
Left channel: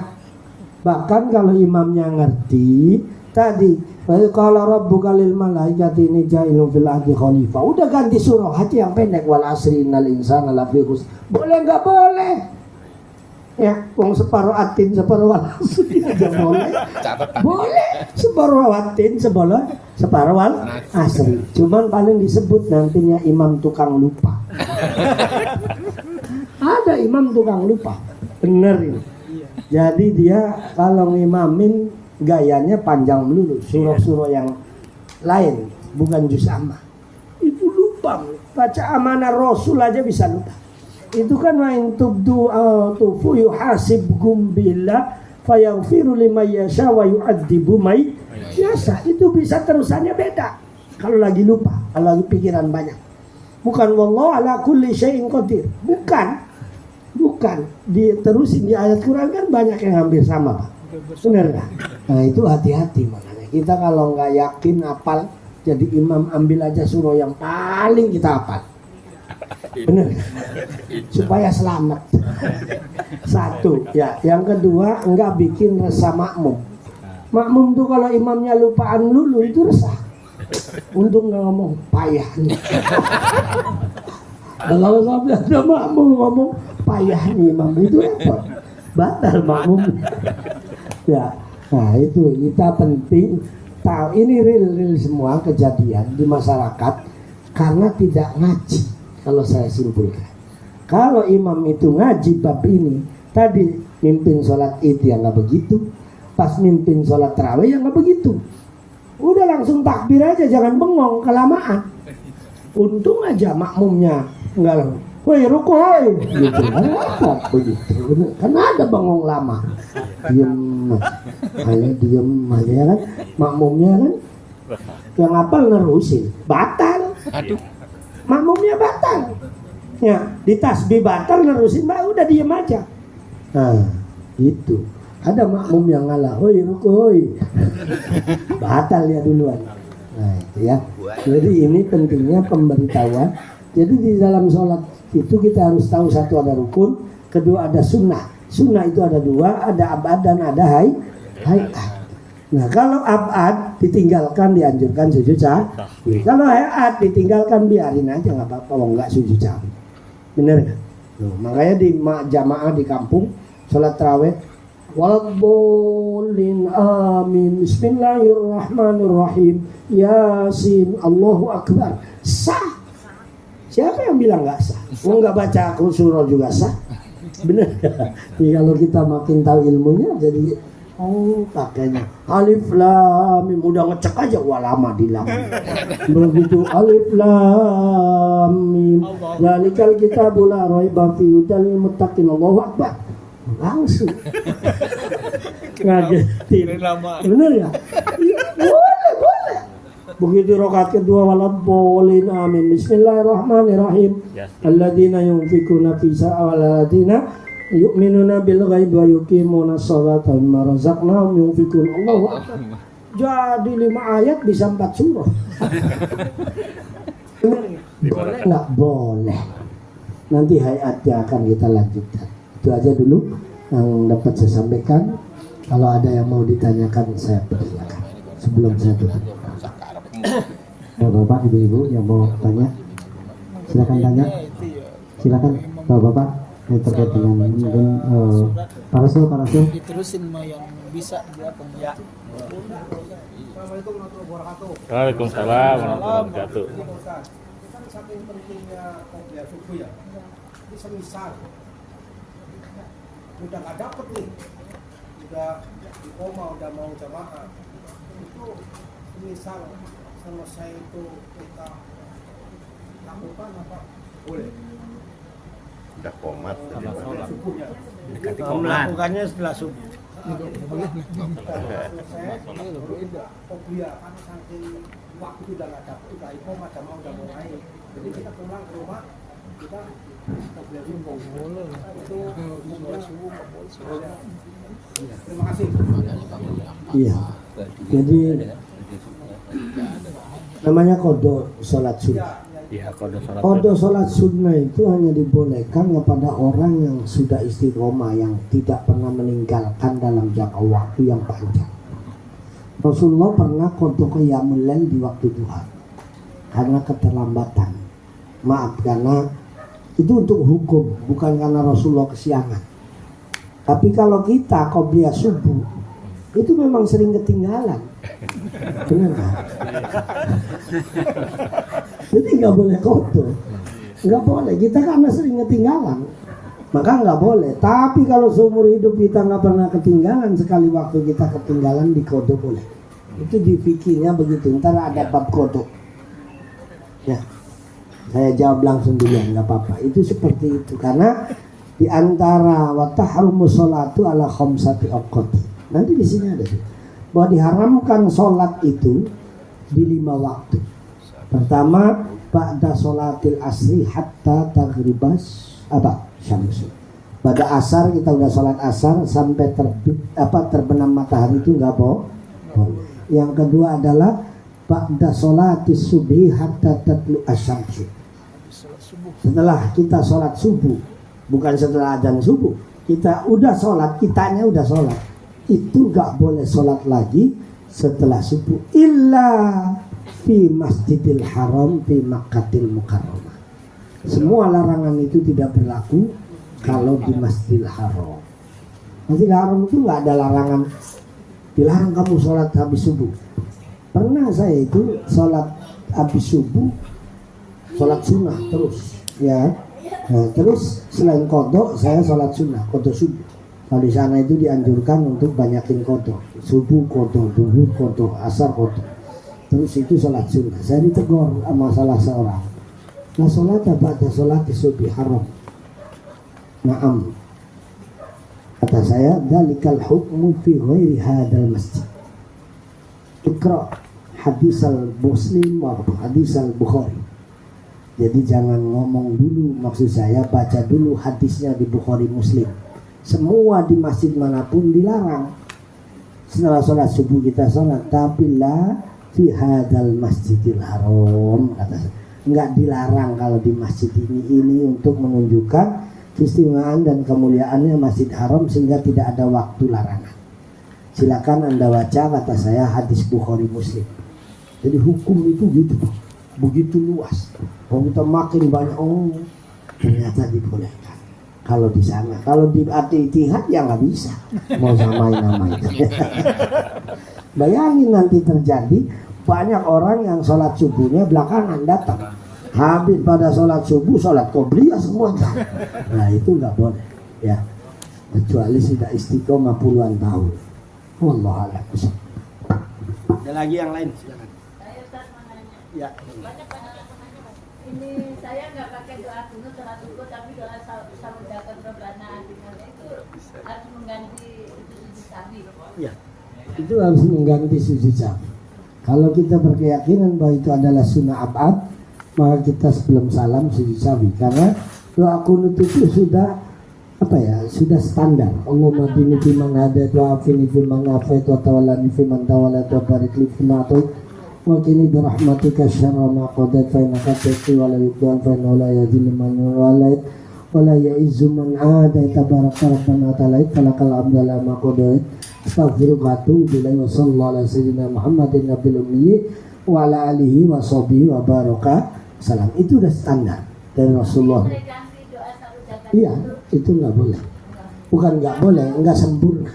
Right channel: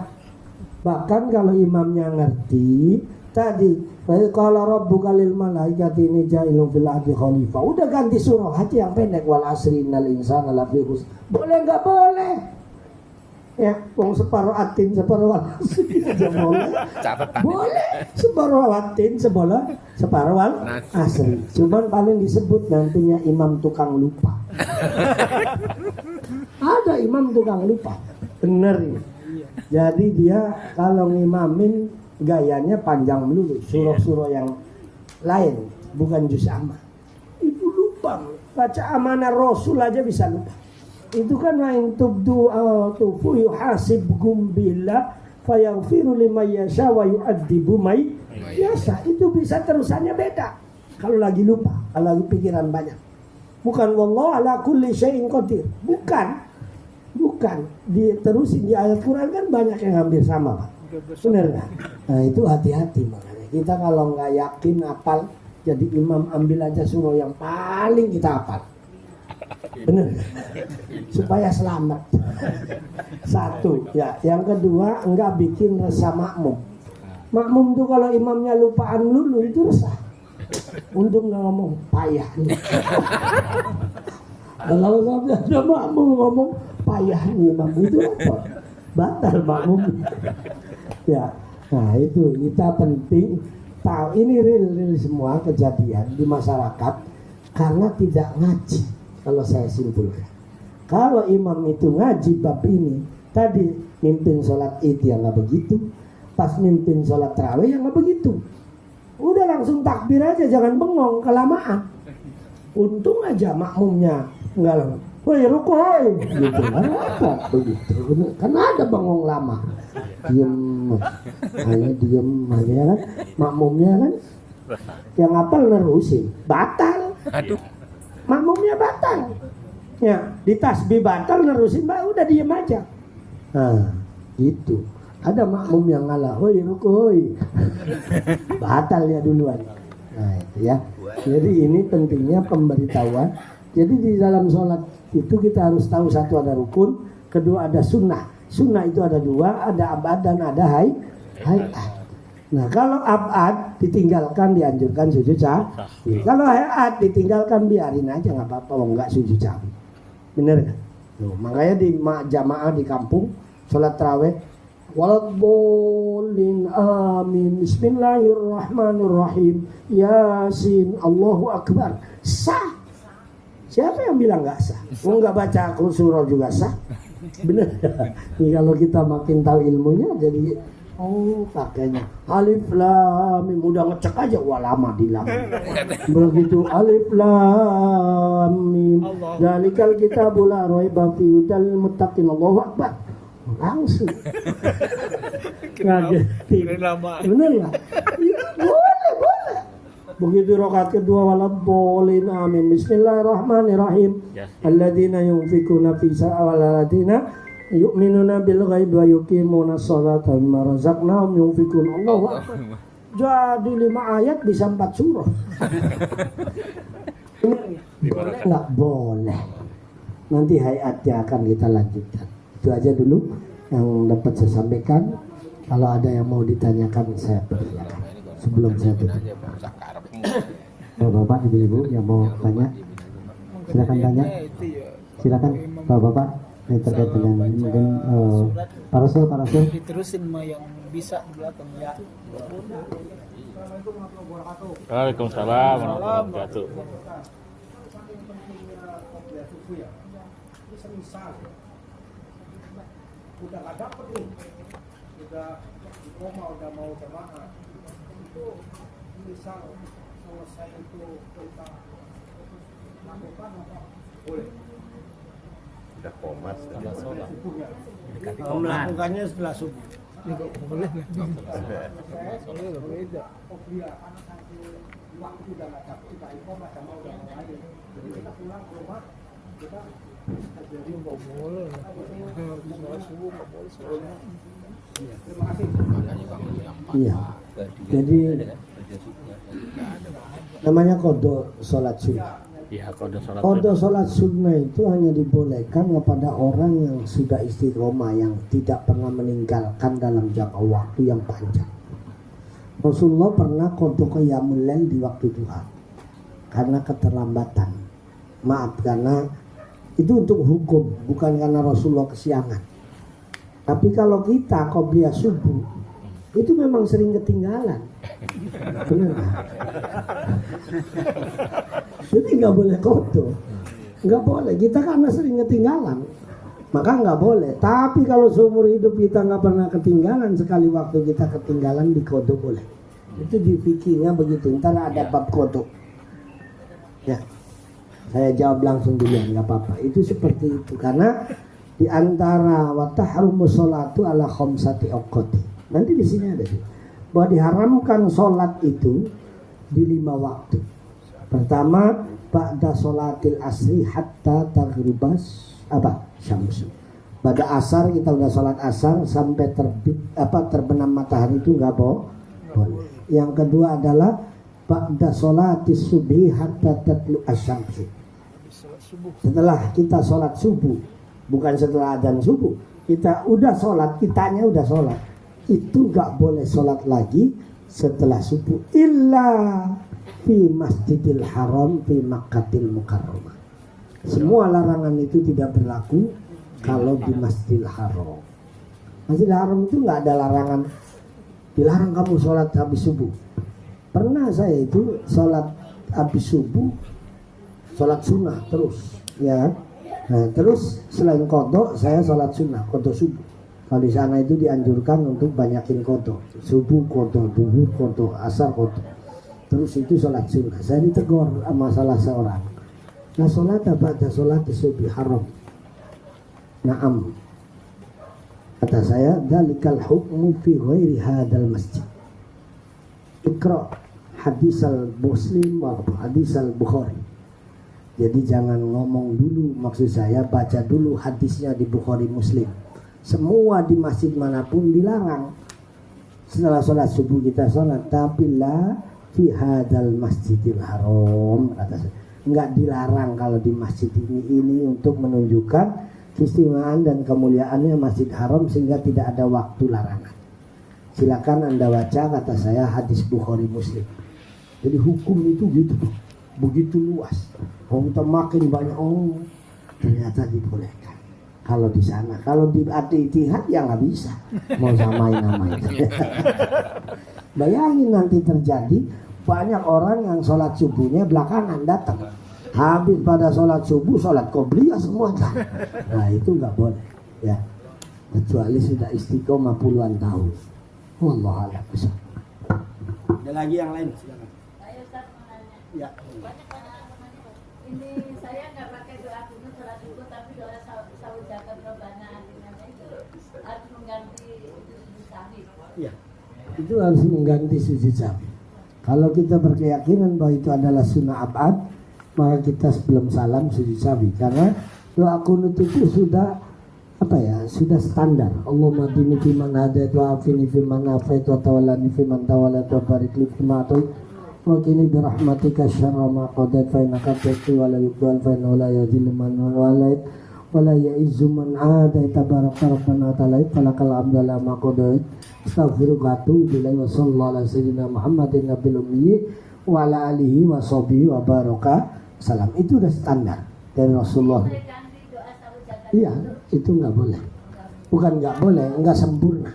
Bahkan kalau imamnya ngerti tadi, kalau rabbuka lil malaikati inni ja'ilun fil ardi khalifah, udah ganti surah aja yang pendek, wal asri innal insana lafi khusr. Boleh nggak boleh? Ya, wong separuh atin separuh wal asri aja boleh. Catatan. Boleh separuh atin separuh wal asri. Cuman paling disebut nantinya imam tukang lupa. Ada imam tukang lupa, bener ini. Jadi dia kalau ngimamin gayanya panjang melulu, surah-surah yang lain, bukan juz amma. Itu lupa, baca amanah Rasul aja bisa lupa. Itu kan main tubdu tufu yuhasibkum billah fayaghfiru liman yasha wa yu'adzibu may yasha. Itu bisa terusannya beda. Kalau lagi lupa, kalau lagi pikiran banyak. Bukan wallahu ala kulli syai'in qadir. Bukan. Diterusin di ayat Quran kan banyak yang hampir sama Pak. Benar nggak? Nah itu hati-hati makanya. Kita kalau nggak yakin hafal, jadi imam ambil aja surah yang paling kita hafal. Benar? Supaya selamat. Satu, ya. Yang kedua, enggak bikin resah makmum. Makmum tuh kalau imamnya lupaan dulu itu resah. Untung nggak ngomong payah. Kalau sampai ada makmum ngomong payah nih imam itu apa? Batal makmum. Ya, nah itu kita penting tahu ini real semua kejadian di masyarakat karena tidak ngaji. Kalau saya simpulkan, kalau imam itu ngaji bab ini, tadi mimpin sholat id yang nggak begitu, pas mimpin sholat tarawih yang nggak begitu, udah langsung takbir aja, jangan bengong kelamaan. Untung aja makmumnya nggak, woi ruku woi, gitu. Apa begitu? Karena ada bengong lama, diem aja ya kan, makmumnya kan, yang hafal nerusin, batal. Makmumnya batal, ya di tasbih batal nerusin, udah diem aja. Nah itu ada makmum yang ngalah, hoi ruku hoi, batal ya duluan. Nah itu ya. Jadi ini pentingnya pemberitahuan. Jadi di dalam sholat itu kita harus tahu satu ada rukun, kedua ada sunnah. Sunnah itu ada dua, ada abad dan ada hayat. Nah kalau abad ditinggalkan dianjurkan sujud sahwi. Kalau hayat ditinggalkan biarin aja nggak apa-apa, nggak sujud sahwi. Bener kan? Nah, makanya di jamaah di kampung sholat tarawih walbolin amin bismillahirrahmanirrahim yasin Allahu akbar sah. Siapa yang bilang nggak sah? Mau nggak baca surah juga sah. Bener. Jadi kalau kita makin tahu ilmunya jadi kakeknya alif lam mim, udah ngecek aja wah lama di lam. Begitu alif lam mim zalikal kitabul la raiba fihi hudal lil muttaqin Allahu akbar. Langsung ngagetin. Bener ya? Boleh. Begitu rakaat kedua walabbolin amin bismillahirrahmanirrahim alladzina yunfikuna fi sa'al alladzina yu'minuna bil ghaibi wa yuqimuna sholata wa mimma razaqnahum yunfikun. Allahu akbar. Jadi 5 ayat bisa 4 surah. Boleh enggak? Boleh. Nanti hayatnya akan kita lanjutkan. Itu aja dulu yang dapat saya sampaikan. Kalau ada yang mau ditanyakan saya persilakan sebelum saya tutup. Bapak, ibu-ibu yang mau tanya silakan tanya. Silakan bapak-bapak terkait dengan mungkin Pak Rasul. Diterusin mah yang bisa belakang ya. Waalaikumsalam warahmatullahi wabarakatuh. Kan saking pentingnya qobliyah subuh ya. Ini semisal udah nggak dapet nih, udah di koma, udah mau jamaah, itu semisal selesai itu kita lakukan apa boleh? Udah komat Setelah subuhnya. Melakukannya setelah subuh. Selesai, baru kita qobliyah kan saking waktu udah nggak dapet, udah koma, jamaah udah mulai. Jadi kita pulang ke rumah, kita qobliyah subuh. Itu hukumnya boleh. Terima kasih. Iya. Jadi namanya kodo sholat sunnah. Iya, Kodo sholat sunnah itu hanya dibolehkan kepada orang yang sudah istiqomah, yang tidak pernah meninggalkan dalam jangka waktu yang panjang. Rasulullah pernah kodo qiyamul lail di waktu duha karena keterlambatan. Maaf, karena itu untuk hukum, bukan karena Rasulullah kesiangan. Tapi kalau kita qobliyah subuh itu memang sering ketinggalan. Benar kan? Jadi nggak boleh kotor, nggak boleh. Kita karena sering ketinggalan, maka nggak boleh. Tapi kalau seumur hidup kita nggak pernah ketinggalan, sekali waktu kita ketinggalan di kodo boleh. Itu di fikirnya begitu. Ntar ada bab kodo. Ya, saya jawab langsung dulu, nggak apa-apa. Itu seperti itu karena di antara wa tahrumu sholatu ala khamsati awqati. Nanti di sini ada bahwa diharamkan sholat itu di 5 waktu. Pertama, ba'da sholatil asri hatta taghribas syamsu. Pada asar kita udah sholat asar sampai terbenam matahari itu nggak boleh. Yang kedua adalah ba'da sholati subhi hatta tatlu asyamsu. Setelah kita sholat subuh, bukan setelah adzan subuh, kita udah sholat, kitanya udah sholat, itu gak boleh sholat lagi setelah subuh illa fi masjidil haram fi Makkahil Mukarramah. Semua larangan itu tidak berlaku kalau di Masjidil Haram. Masjidil Haram itu gak ada larangan dilarang kamu sholat habis subuh. Pernah saya itu sholat habis subuh, sholat sunnah terus ya. Nah terus selain kodok saya sholat sunnah, kodok subuh. Kalau di sana itu dianjurkan untuk banyakin kodok, subuh kodok, duhur kodok, asar kodok. Terus itu sholat sunnah. Saya ditegur sama salah seorang. Nah sholat apa? Ada sholat subuh haram. Naam. Kata saya, dalikal hukmu fi ghairi hadal masjid. Ikra hadis al-Muslim wa hadis al-Bukhari. Jadi jangan ngomong dulu, maksud saya baca dulu hadisnya di Bukhari Muslim. Semua di masjid manapun dilarang. Setelah sholat subuh kita sholat, tapi la fi hadal masjidil haram. Enggak dilarang kalau di masjid ini untuk menunjukkan keistimewaan dan kemuliaannya Masjid Haram sehingga tidak ada waktu larangan. Silakan Anda baca, kata saya, hadis Bukhari Muslim. Jadi hukum itu gitu, begitu luas. Kalau kita makin banyak, ternyata dibolehkan. Kalau di sana, kalau di Al-Ittihad ya nggak bisa, mau samain. Bayangin nanti terjadi banyak orang yang sholat subuhnya belakangan datang. Habis pada sholat subuh, sholat qobliyah semua. Nah itu nggak boleh, ya. Kecuali sudah istiqomah puluhan tahun. Wallahu a'lam. Ada lagi yang lain? Silakan. Saya Ustaz mau nanya. Ya. Banyak yang menanya. Ini saya nggak pakai doa kunut, sholat subuh, tapi doa saludakan robbana atina itu harus mengganti sujud sahwi. Ya. Itu harus mengganti sujud sahwi. Kalau kita berkeyakinan bahwa itu adalah sunnah abad, maka kita sebelum salam sujud sahwi. Karena doa kunut itu sudah sudah standar. Allahumma dini fiman hadait wa afini fiman afait wa tawallani fiman tawallat wa barik li fima atait wa qini bi rahmatika syarra ma qadait fa innaka taqdi wa la yuqbal fa innahu la yadhillu man walait wa la ya'izzu man adait tabaraka rabbana ta'ala falakal hamdu ala ma qadait astaghfiruka wa atubu ilaihi wa sallallahu ala sayyidina Muhammadin nabiyil ummi wa ala alihi wa sahbihi wa baraka salam. Itu udah standar dari Rasulullah. Iya, itu nggak boleh. Bukan nggak boleh, nggak sempurna.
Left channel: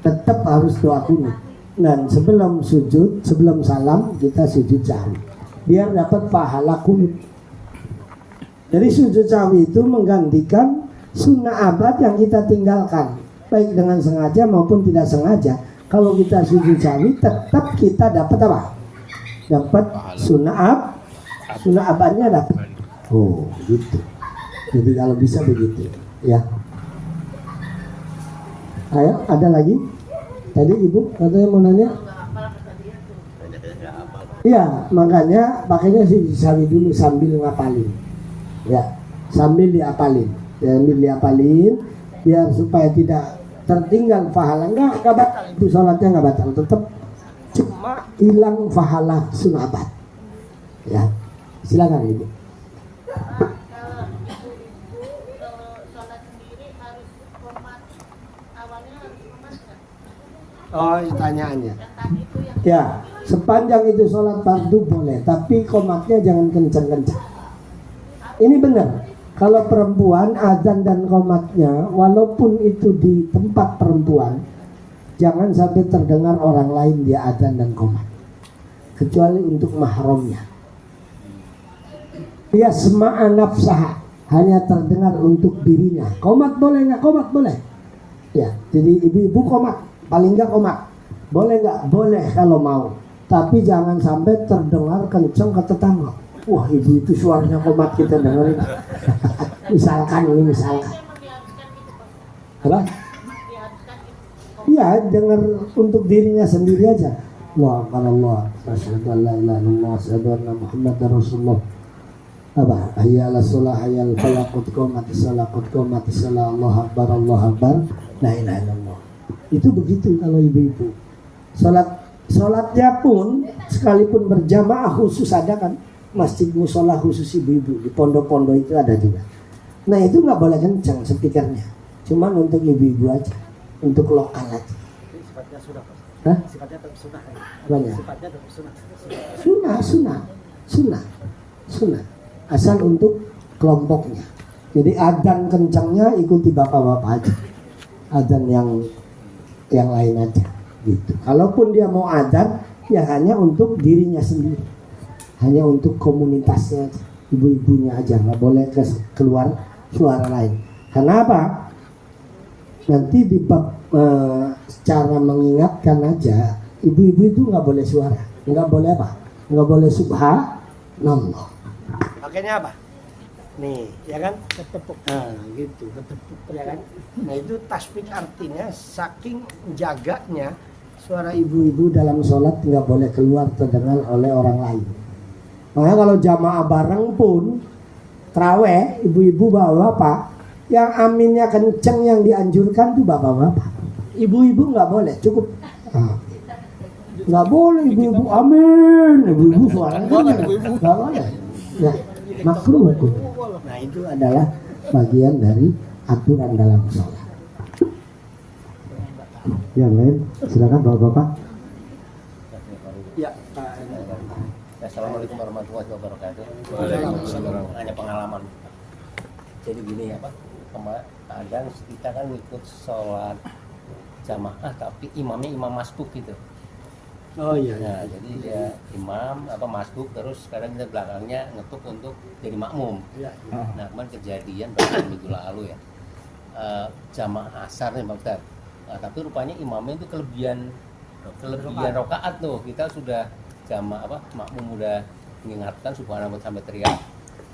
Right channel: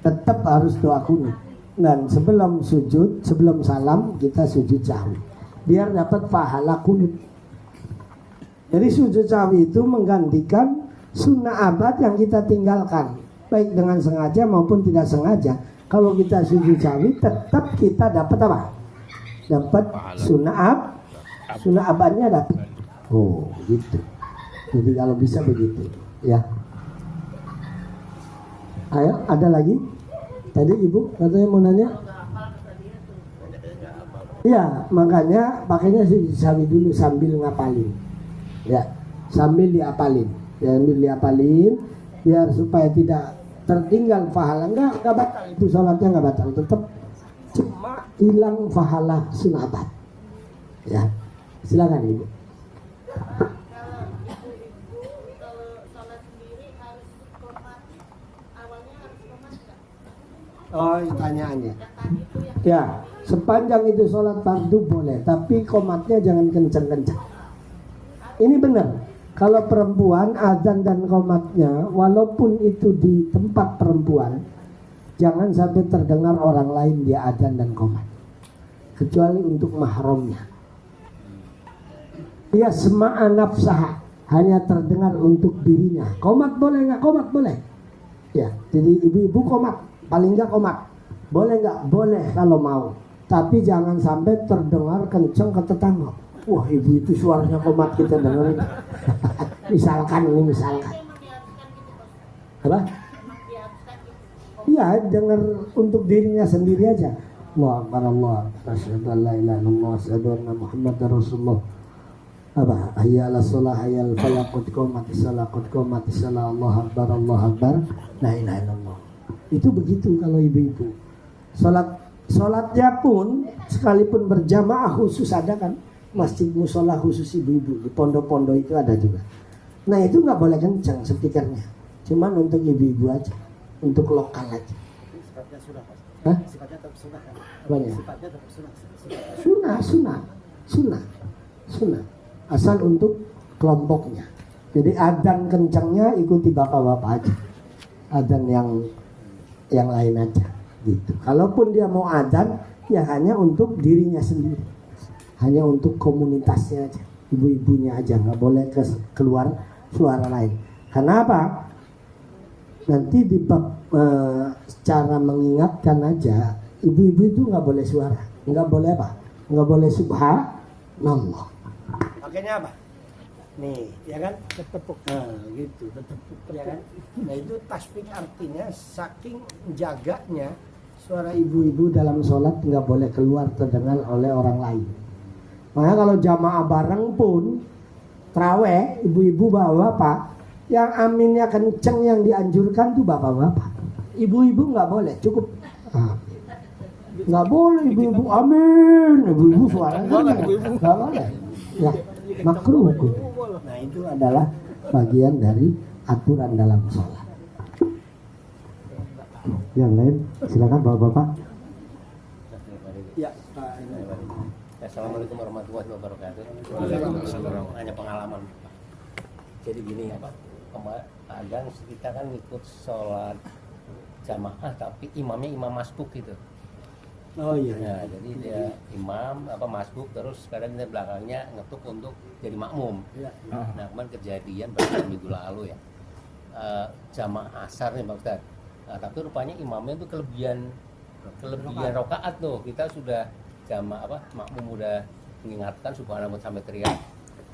Tetap harus doa kunut. Dan sebelum sujud, sebelum salam kita sujud sahwi, biar dapat pahala kunut. Jadi sujud sahwi itu menggantikan sunnah abad yang kita tinggalkan, baik dengan sengaja maupun tidak sengaja. Kalau kita sujud sahwi, tetap kita dapat apa? Dapat sunnah abadnya dapat. Oh, gitu. Jadi kalau bisa begitu, ya. Ayo, ada lagi? Tadi ibu katanya mau nanya. Iya, makanya pakainya sih sahwi dulu sambil ngapalin. Ya, sambil diapalin, biar supaya tidak tertinggal pahala. Enggak batal itu sholatnya, nggak batal, tetap cuma hilang pahala sunat. Ya, silakan ibu. Oh, pertanyaannya. Ya, sepanjang itu sholat fardu boleh, tapi komatnya jangan kencang-kencang. Ini benar. Kalau perempuan azan dan komatnya, walaupun itu di tempat perempuan, jangan sampai terdengar orang lain dia azan dan komat, kecuali untuk mahramnya. Dia sema'a nafsah, hanya terdengar untuk dirinya. Komat boleh nggak? Komat boleh. Ya, jadi ibu-ibu komat. Paling nggak komat, boleh nggak? Boleh kalau mau, tapi jangan sampai terdengar kenceng ke tetangga. Wah, ibu itu suaranya komat, kita dengar. misalkan apa? Iya, dengar untuk dirinya sendiri aja. Wah, kalau Allah, asyhadu an la ilaha illallah, asyhadu anna Muhammadar Rasulullah. apa? Hayya 'alas shalah, hayya 'alal falah, qad qamatis shalah, Allahu akbar, la ilaha illallah. Itu begitu kalau ibu-ibu. Salatnya pun sekalipun berjamaah khusus ada kan, masjid musola khusus ibu-ibu di pondok-pondok itu ada juga. Nah itu nggak boleh kencang speakernya, cuman untuk ibu-ibu aja, untuk lokal aja. Sifatnya sudah, Pak. Hah? Sifatnya tetap sunnah. Banyak. Sifatnya tetap sunnah. Sunnah. Asal untuk kelompoknya. Jadi adzan kencangnya ikuti bapak-bapak aja. Adzan yang lain aja. Gitu. Kalaupun dia mau adzan, ya hanya untuk dirinya sendiri, hanya untuk komunitasnya aja, ibu-ibunya aja, nggak boleh keluar suara lain. Karena apa? Nanti di bab cara mengingatkan aja, ibu-ibu itu nggak boleh suara, nggak boleh apa? Nggak boleh subhanallah. Pakainya apa? Nih, ya kan? Ketepuk. Nah, gitu, ketepuk, ya kan? Nah itu tasbih artinya saking jaganya suara ibu-ibu dalam sholat nggak boleh keluar terdengar oleh orang lain. Makanya kalau jamaah bareng pun traweh, ibu-ibu bapak-bapak, yang aminnya kenceng yang dianjurkan tuh bapak-bapak. Ibu-ibu nggak boleh, cukup. Nggak boleh ibu-ibu amin, ibu-ibu suaranya nggak boleh. Nah, makruh hukum. Nah itu adalah bagian dari aturan dalam sholat. Yang lain silakan bapak-bapak. Ya, Assalamualaikum warahmatullahi wabarakatuh. Hanya pengalaman. Jadi gini ya Pak, kadang kita kan ikut sholat jamaah tapi imamnya imam masbuk gitu. Oh iya. Nah, jadi dia imam masbuk, terus kadang kita belakangnya ngetuk untuk jadi makmum. Nah kemarin kejadian pada minggu lalu ya, jamaah asar nih Pak Ustadz. Nah, tapi rupanya imamnya itu kelebihan rakaat tuh. Kita sudah makmum udah mengingatkan subhanallah sampai teriak.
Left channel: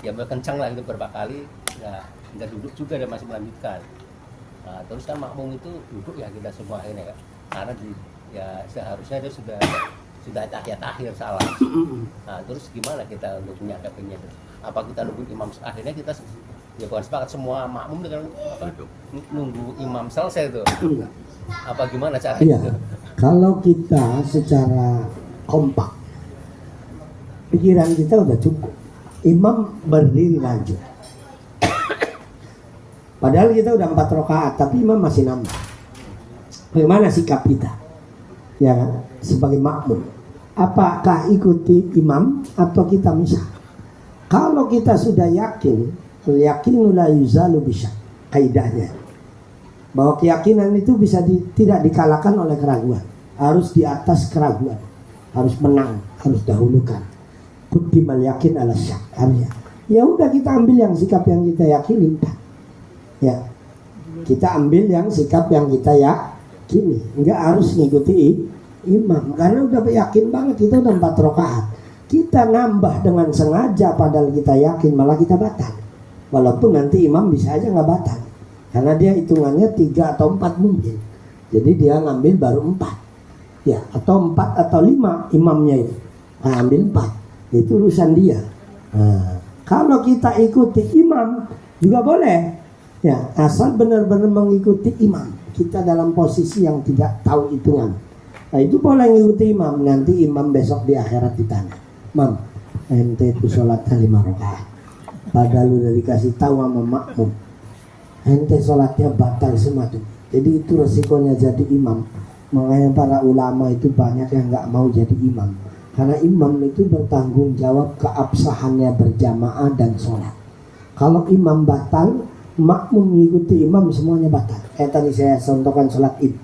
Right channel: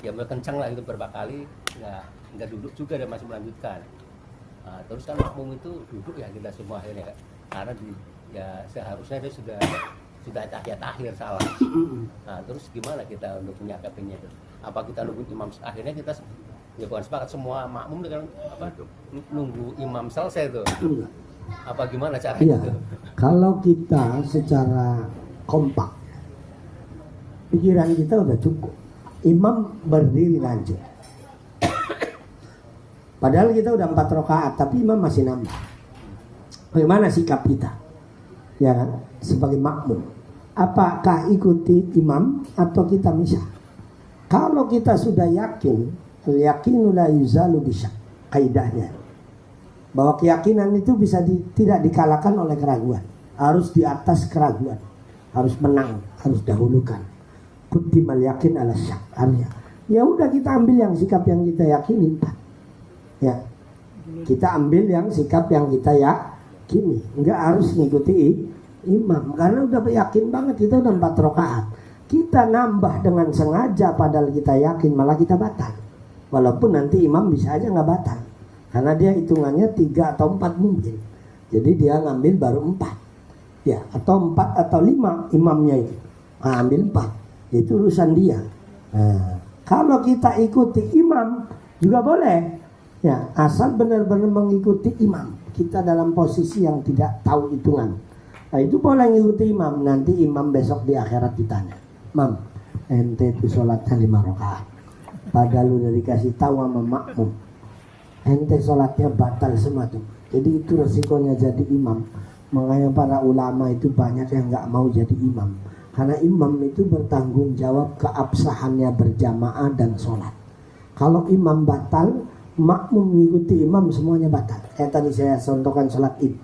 Ya berkencang lah itu berapa kali. Nah, nggak duduk juga dan masih melanjutkan. Nah, terus kan makmum itu duduk ya kita semua ini kan. Karena seharusnya dia sudah tahiyat akhir salah. Nah, terus gimana kita untuk menyikapinya? Apa kita nunggu imam akhirnya kita ya bukan sepakat semua makmum dengan nunggu imam selesai tuh. Apa gimana caranya? Iya. Kalau kita secara kompak, pikiran kita udah cukup. Imam berdiri lanjut. Padahal kita udah 4 rakaat, tapi imam masih nambah. Bagaimana sikap kita? Ya kan? Sebagai makmum. Apakah ikuti imam atau kita misah? Kalau kita sudah yakin, yakinu la yuzalu bisyak, kaidahnya. Bahwa keyakinan itu bisa tidak dikalahkan oleh keraguan. Harus di atas keraguan. Harus menang, harus dahulukan. Quddimal yakin ala syak. Ya udah kita ambil yang sikap yang kita yakini. Ya. Kita ambil yang sikap yang kita yakini. Enggak harus ngikuti imam. Karena udah yakin banget kita udah 4 rakaat. Kita nambah dengan sengaja padahal kita yakin malah kita batal. Walaupun nanti imam bisa aja nggak batal. Karena dia hitungannya 3 atau 4 mungkin. Jadi dia ngambil baru 4. Ya, atau 4 atau 5 imamnya itu. Ambil 4. Itu urusan dia. Nah, kalau kita ikuti imam juga boleh. Ya, asal benar-benar mengikuti imam. Kita dalam posisi yang tidak tahu hitungan. Nah, itu boleh ngikuti imam. Nanti imam besok di akhirat ditanya. Mam, ente itu sholatnya 5 rakaat. Padahal udah dikasih tahu sama makmum. Ente sholatnya batal semua tuh. Jadi itu resikonya jadi imam. Makanya para ulama itu banyak yang nggak mau jadi imam. Karena imam itu bertanggung jawab keabsahannya berjamaah dan sholat. Kalau imam batal, makmum mengikuti imam semuanya batal. Tadi saya contohkan sholat id.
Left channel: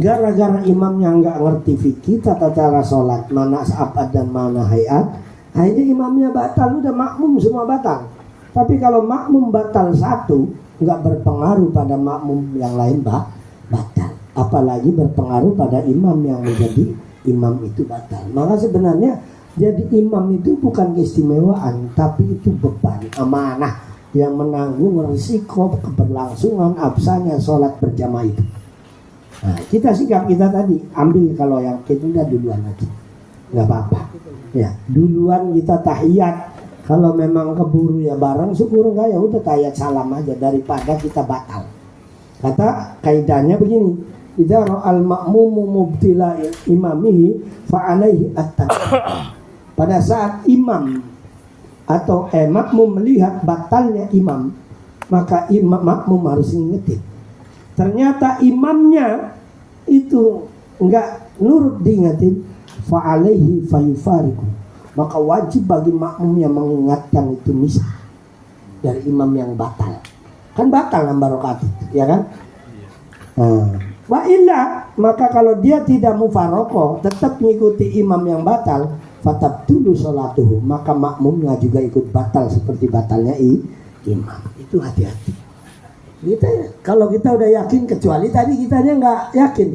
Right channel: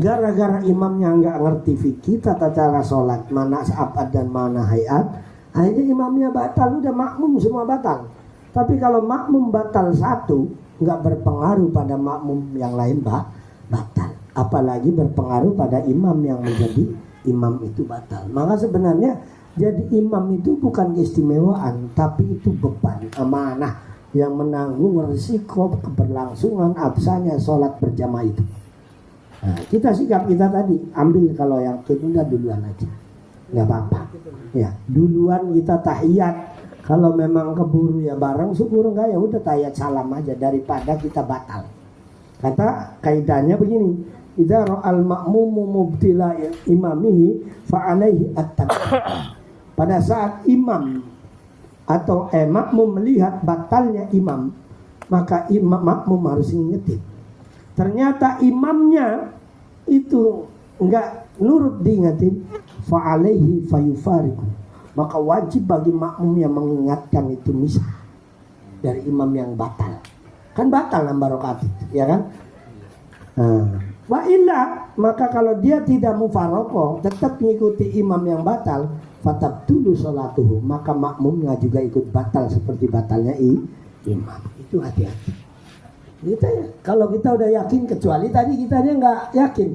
Gara-gara imamnya nggak ngerti fikih tata cara sholat, mana abad dan mana hayat, akhirnya imamnya batal, udah makmum semua batal. Tapi kalau makmum batal satu, nggak berpengaruh pada makmum yang lain batal. Apalagi berpengaruh pada imam yang menjadi imam itu batal. Maka sebenarnya jadi imam itu bukan keistimewaan, tapi itu beban, amanah yang menanggung risiko keberlangsungan absahnya sholat berjamaah itu. Nah, kita sikap kita tadi ambil kalau yang kita duluan aja, nggak apa-apa. Ya, duluan kita tahiyat. Kalau memang keburu ya barang, syukur enggak ya udah tayat salam aja daripada kita batal. Kata kaidahnya begini, idza ra'al ma'mumu mubtila imamihi fa alaihi at-tabi'ah. Pada saat imam atau makmum melihat batalnya imam, maka makmum harus ngingetin. Ternyata imamnya itu enggak nurut diingetin, fa alaihi fayufariqu. Maka wajib bagi makmum yang mengingatkan itu misah dari imam yang batal. Kan batal nambah rakaat, ya kan? Wa illa, maka kalau dia tidak mufarokoh, tetap mengikuti imam yang batal, fatabtulu sholatuhu, maka makmumnya juga ikut batal seperti batalnya imam. Itu hati-hati. Kalau kita udah yakin, kecuali tadi kitanya nggak yakin,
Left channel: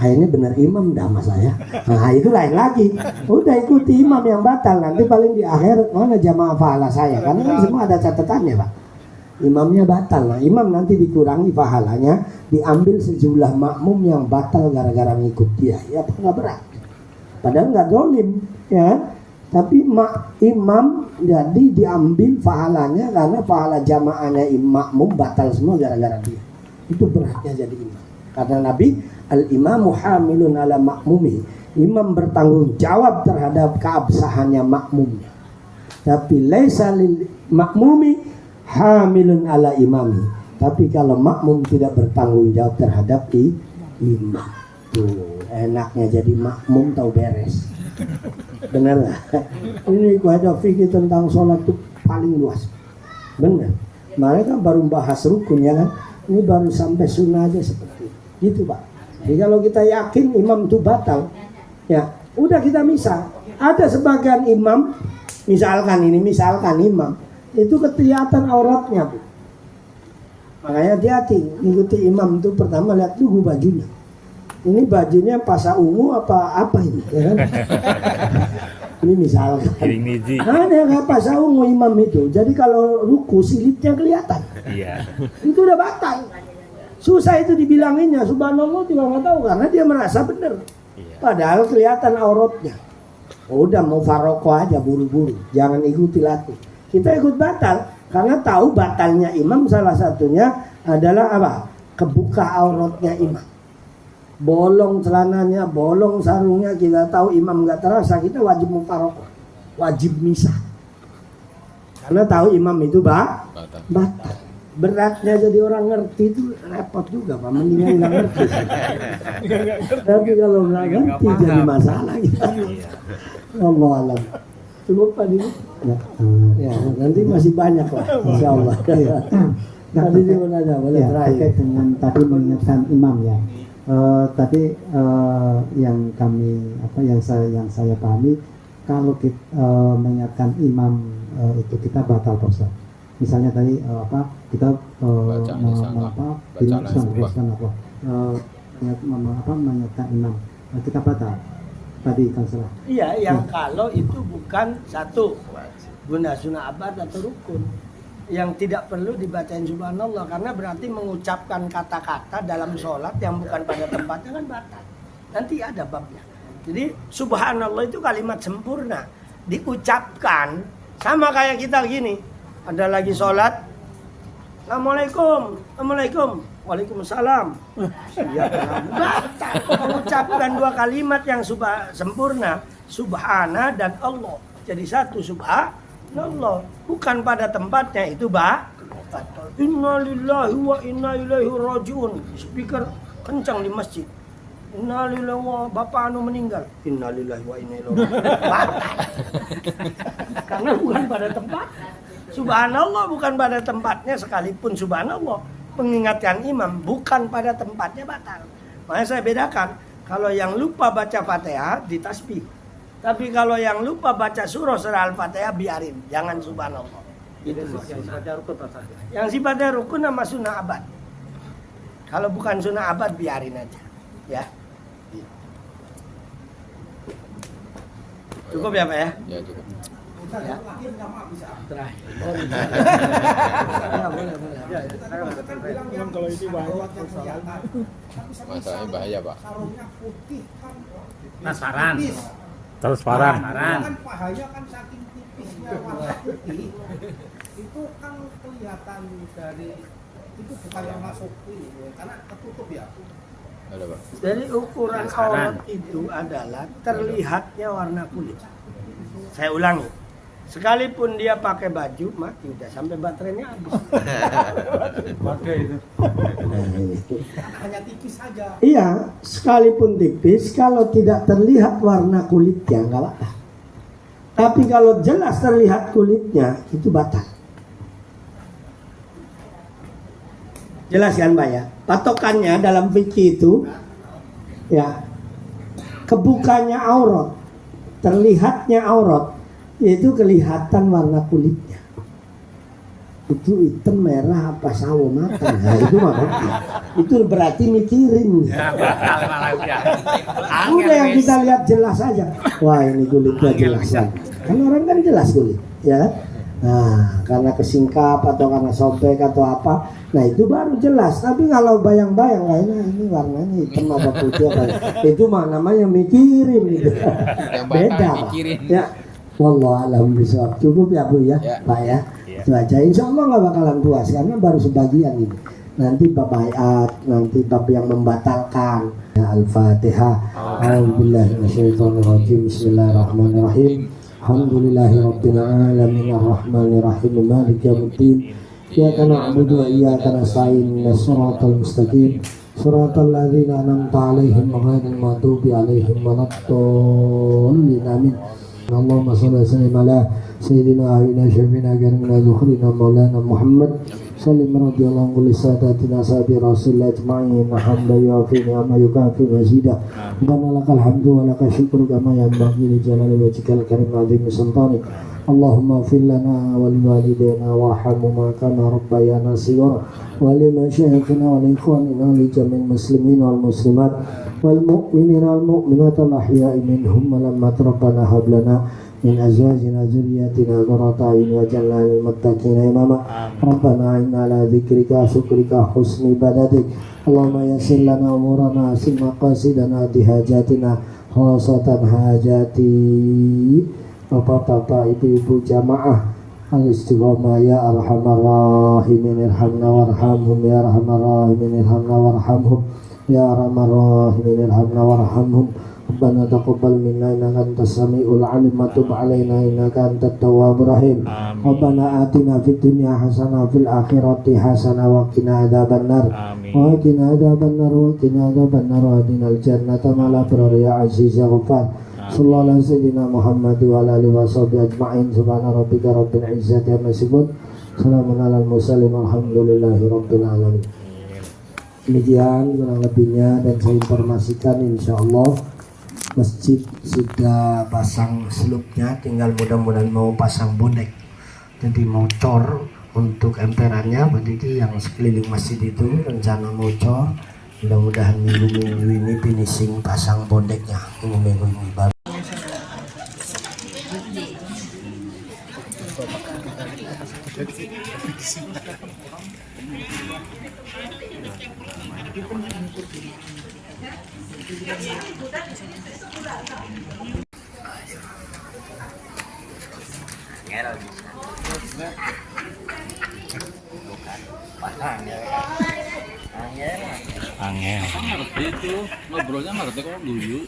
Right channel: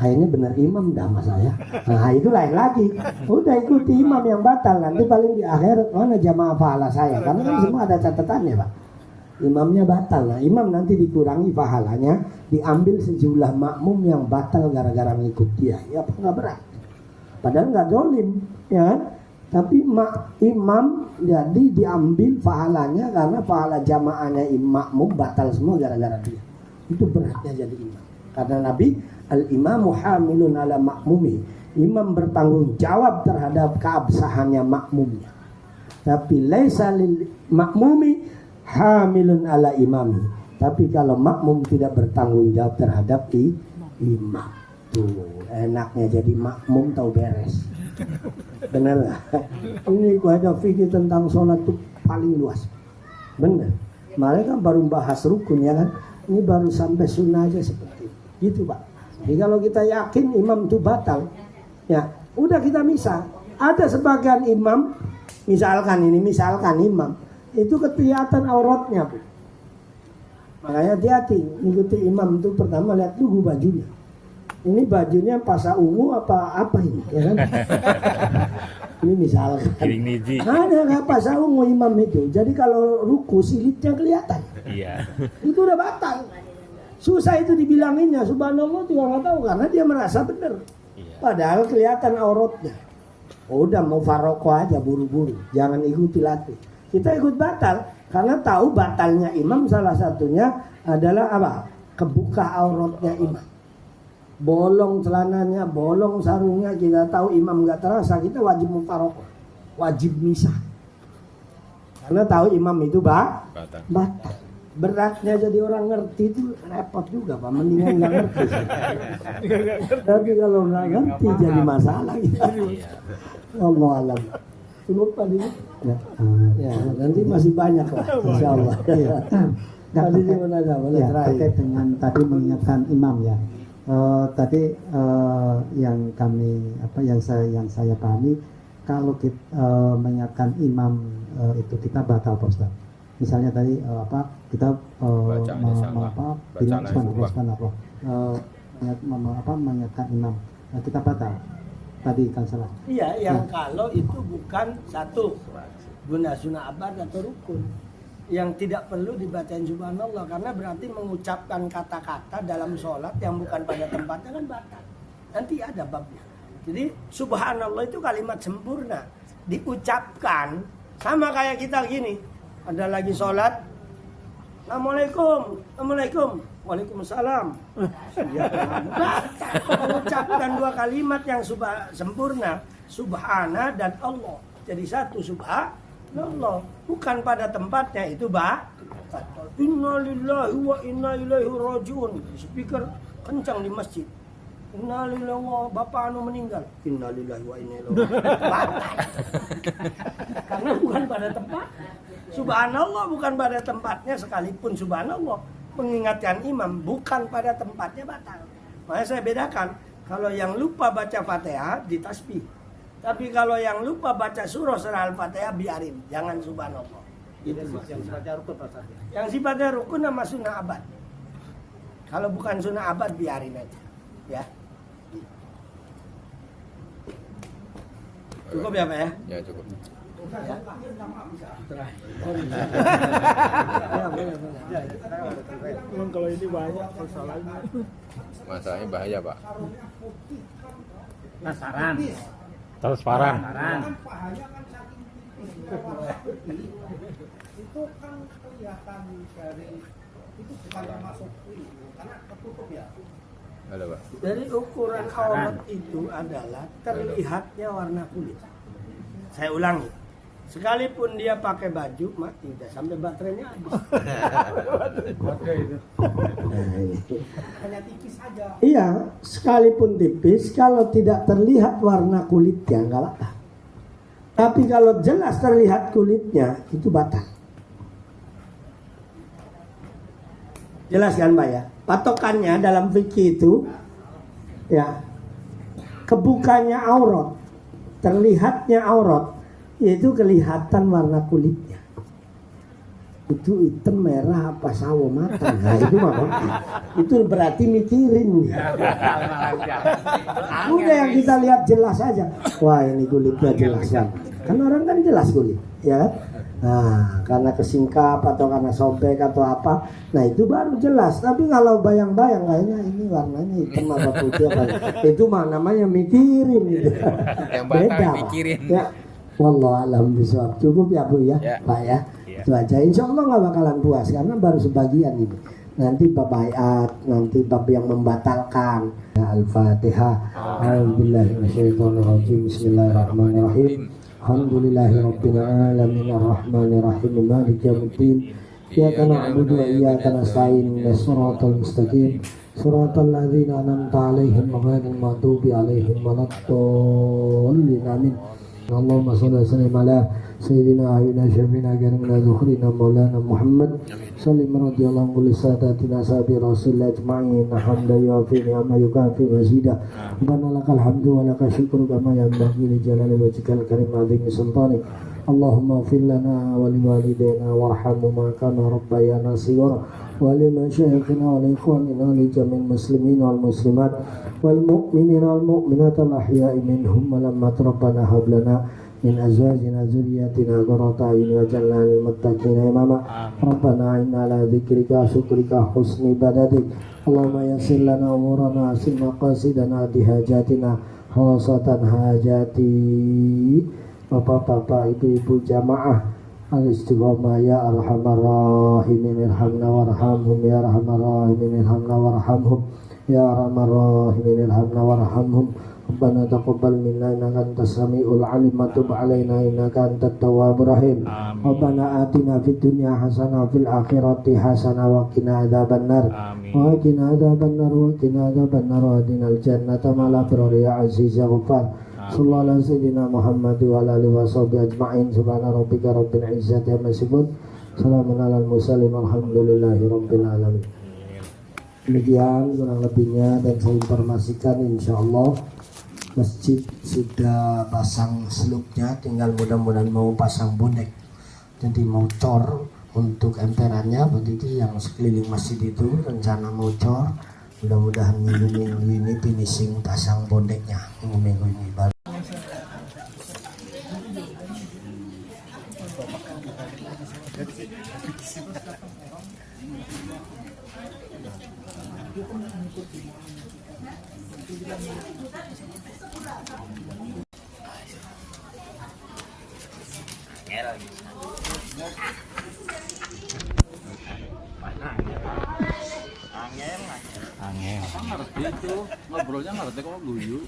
kayaknya benar imam dah mas saya. Nah itu lain lagi. Udah ikuti imam yang batal, nanti paling di akhir mana jamaah pahala saya, karena kan semua ada catatannya pak. Imamnya batal, nah imam nanti dikurangi pahalanya, diambil sejumlah makmum yang batal gara-gara ngikut dia. Ya apa nggak berat? Padahal nggak dolim, ya kan? Tapi imam jadi diambil pahalanya karena pahala jamaahnya makmum batal semua gara-gara dia. Itu beratnya jadi ini. Karena Nabi al-imamu hamilun ala makmumi, imam bertanggung jawab terhadap keabsahannya makmumnya. Tapi laisa lil makmumi hamilun ala imami. Tapi kalau makmum tidak bertanggung jawab terhadap imam, tuh enaknya jadi makmum tahu beres. Benar nggak? Ini kaidah fikih tentang sholat itu paling luas. Benar. Mereka baru bahas rukun ya kan? Ini baru sampai sunnah aja seperti itu pak. Jadi kalau kita yakin imam itu batal, ya udah kita misal. Ada sebagian imam, misalkan imam itu kelihatan auratnya, Bu. Makanya hati-hati ikuti imam itu pertama lihat dulu bajunya. Ini bajunya pasa ungu apa ini? Ya kan? Ini misalkan. Ada yang nggak pasa ungu imam itu. Jadi kalau ruku silitnya kelihatan. Iya. Itu udah batal. Susah itu dibilanginnya. Subhanallah juga nggak tahu karena dia merasa benar. Padahal kelihatan auratnya. Udah mau faroko aja buru-buru. Jangan ikuti latih. Kita ikut batal karena tahu batalnya imam salah satunya adalah apa? Kebuka auratnya imam. Bolong celananya, bolong sarungnya, kita tahu imam nggak terasa, kita wajib mufarokoh, wajib misah. Karena tahu imam itu batal. Beratnya jadi orang ngerti itu repot juga, Pak. Mendingan nggak ngerti. Tapi kalau nggak ngerti jadi masalah kita. Allah alam. Cukup Pak ini. Ya, nanti masih banyak lah, insya Allah. Ya. Tadi di mana ada? Boleh terakhir dengan tadi mengingatkan imam ya. Tadi yang saya pahami kalau kita mengingatkan imam itu kita batal Pak. Misalnya tadi kita mengingatkan imam, nah, kita batal tadi kan salah. Iya, yang kalau itu bukan satu guna sunnah abad atau rukun. Yang tidak perlu dibacain subhanallah karena berarti mengucapkan kata-kata dalam sholat yang bukan pada tempatnya kan batal. Nanti ada babnya. Jadi subhanallah itu kalimat sempurna, diucapkan sama kayak kita gini. Ada lagi sholat, Assalamualaikum, Waalaikumsalam. Ya, batal. Mengucapkan dua kalimat yang sempurna, subhana dan Allah. Jadi satu subhanallah. Bukan pada tempatnya itu batal. Innalillahi wa inna ilaihi rajiun. Speaker kencang di masjid. Innalillahi wa bapak anu meninggal. Innalillahi wa inna ilaihi rajiun. Batal. Karena bukan pada tempat. Subhanallah bukan pada tempatnya sekalipun subhanallah. Mengingatkan imam bukan pada tempatnya batal. Makanya saya bedakan. Kalau yang lupa baca Fatihah ditasbih. Tapi kalau yang lupa baca surah Al-Fatihah biarin, jangan subhanallah. Itu yang sifatnya rukun sama sunnah abad. Kalau bukan sunnah abad biarin aja, ya. Cukup ya Pak ya? Ya cukup. Ya. Terakhir. Masalahnya bahaya Pak. Transparan. Terus parang. Kan pahanya kan saking tipisnya itu kan kelihatan dari itu bukan yang masuk karena ketutup ya. Ada Pak. Jadi ukuran aurat itu adalah terlihatnya warna kulit. Saya ulangi, sekalipun dia pakai baju mati udah sampai baterainya habis. Kode itu. Hanya tipis saja. Iya, sekalipun tipis, kalau tidak terlihat warna kulitnya nggak apa. Tapi kalau jelas terlihat kulitnya itu batal. Jelas kan Mbak ya? Patokannya dalam fikih itu ya kebukanya aurat, terlihatnya aurat, yaitu kelihatan warna kulitnya. Itu hitam, merah, apa sawo matang, nah, itu mah itu berarti mikirin. Udah yang kita lihat jelas aja. Wah ini kulitnya jelas. Kan orang kan jelas kulit, ya. Nah, karena kesingkap atau karena sobek atau apa, nah itu baru jelas. Tapi kalau bayang-bayang, kayaknya ini warnanya hitam apa putih apa, itu mah namanya mikirin gitu. Beda. Ya, wallah alam bisawab. Cukup ya Bu ya, Pak ya. Itu aja. Insya Allah nggak bakalan puas karena baru sebagian ini. Nanti bab bayat, nanti bab yang membatalkan. Ya, Al-Fatihah. A'udzubillahiminasyaitonirrajim. Bismillahirrahmanirrahim. Alhamdulillahirabbil alamin arrahmanir rahim maliki yaumiddin iyyaka na'budu wa iyyaka nasta'in ihdinas siratal mustaqim siratal ladzina an'amta 'alaihim ghairil maghdubi 'alaihim waladdallin amin. Allahumma shalli wa sallim ala sayyidina wa syafiina ganna dzukhrina maulana Muhammad sallim radhiyallahu anhu lisadatina sabi rasulillah ajma'in hamdan yu'afi ni'ma yukafi mazida rabbana lakal hamdu wa lakal syukru kama yanbaghi li jalali wajhikal karim wa 'azimi sultanik. Allahumma ighfir lana wa liwalidayna warhamhuma kama rabbayana shighara wa li masyayikhina wa li ikhwanina li jami'il muslimin wal muslimat wal mu'minina wal mu'minat al ahya'i minhum wa lam rabbana hab lana min azwajina dzurriyyatina qurrata a'yun waj'alna lil muttaqina imama. Rabbana inna ala dzikrika syukrika husni ibadatik. Allahumma yassir lana umurana asim maqasidana dihajatina khosatan hajati. Bapak-bapak, ibu-ibu jamaah al-istiqomah ya arhamar rahimin irhamna warhamhum ya arhamar rahimin irhamna warhamhum ya arhamar rahimin irhamna warhamhum. Rabbana taqabbal minna innaka antas samiul alim wa tub alaina innaka antat tawwabur rahim. Rabbana atina fid dunya hasanah fil akhirati hasanah wa qina adzabannar wa qina adzabannar wa qina adzabannar wa qina al-jannata ma'al abrar ya aziz ya ghaffar. Sallallahu alaihi sayyidina Muhammad wa ala alihi washabihi ajma'in. Subhana rabbika rabbil izzati amma yasifun. Salamun alal mursalin walhamdulillahi rabbil alamin. Demikian kurang lebihnya, dan saya informasikan insyaallah masjid sudah pasang selupnya, tinggal mudah-mudahan mau pasang bonek. Jadi mau cor untuk emperannya, berarti yang sekeliling masjid itu rencana mau cor. Mudah-mudahan minggu-minggu ini finishing pasang bondeknya, minggu-minggu ini baru. Angel. Itu ngobrolnya ngerti kok dulu.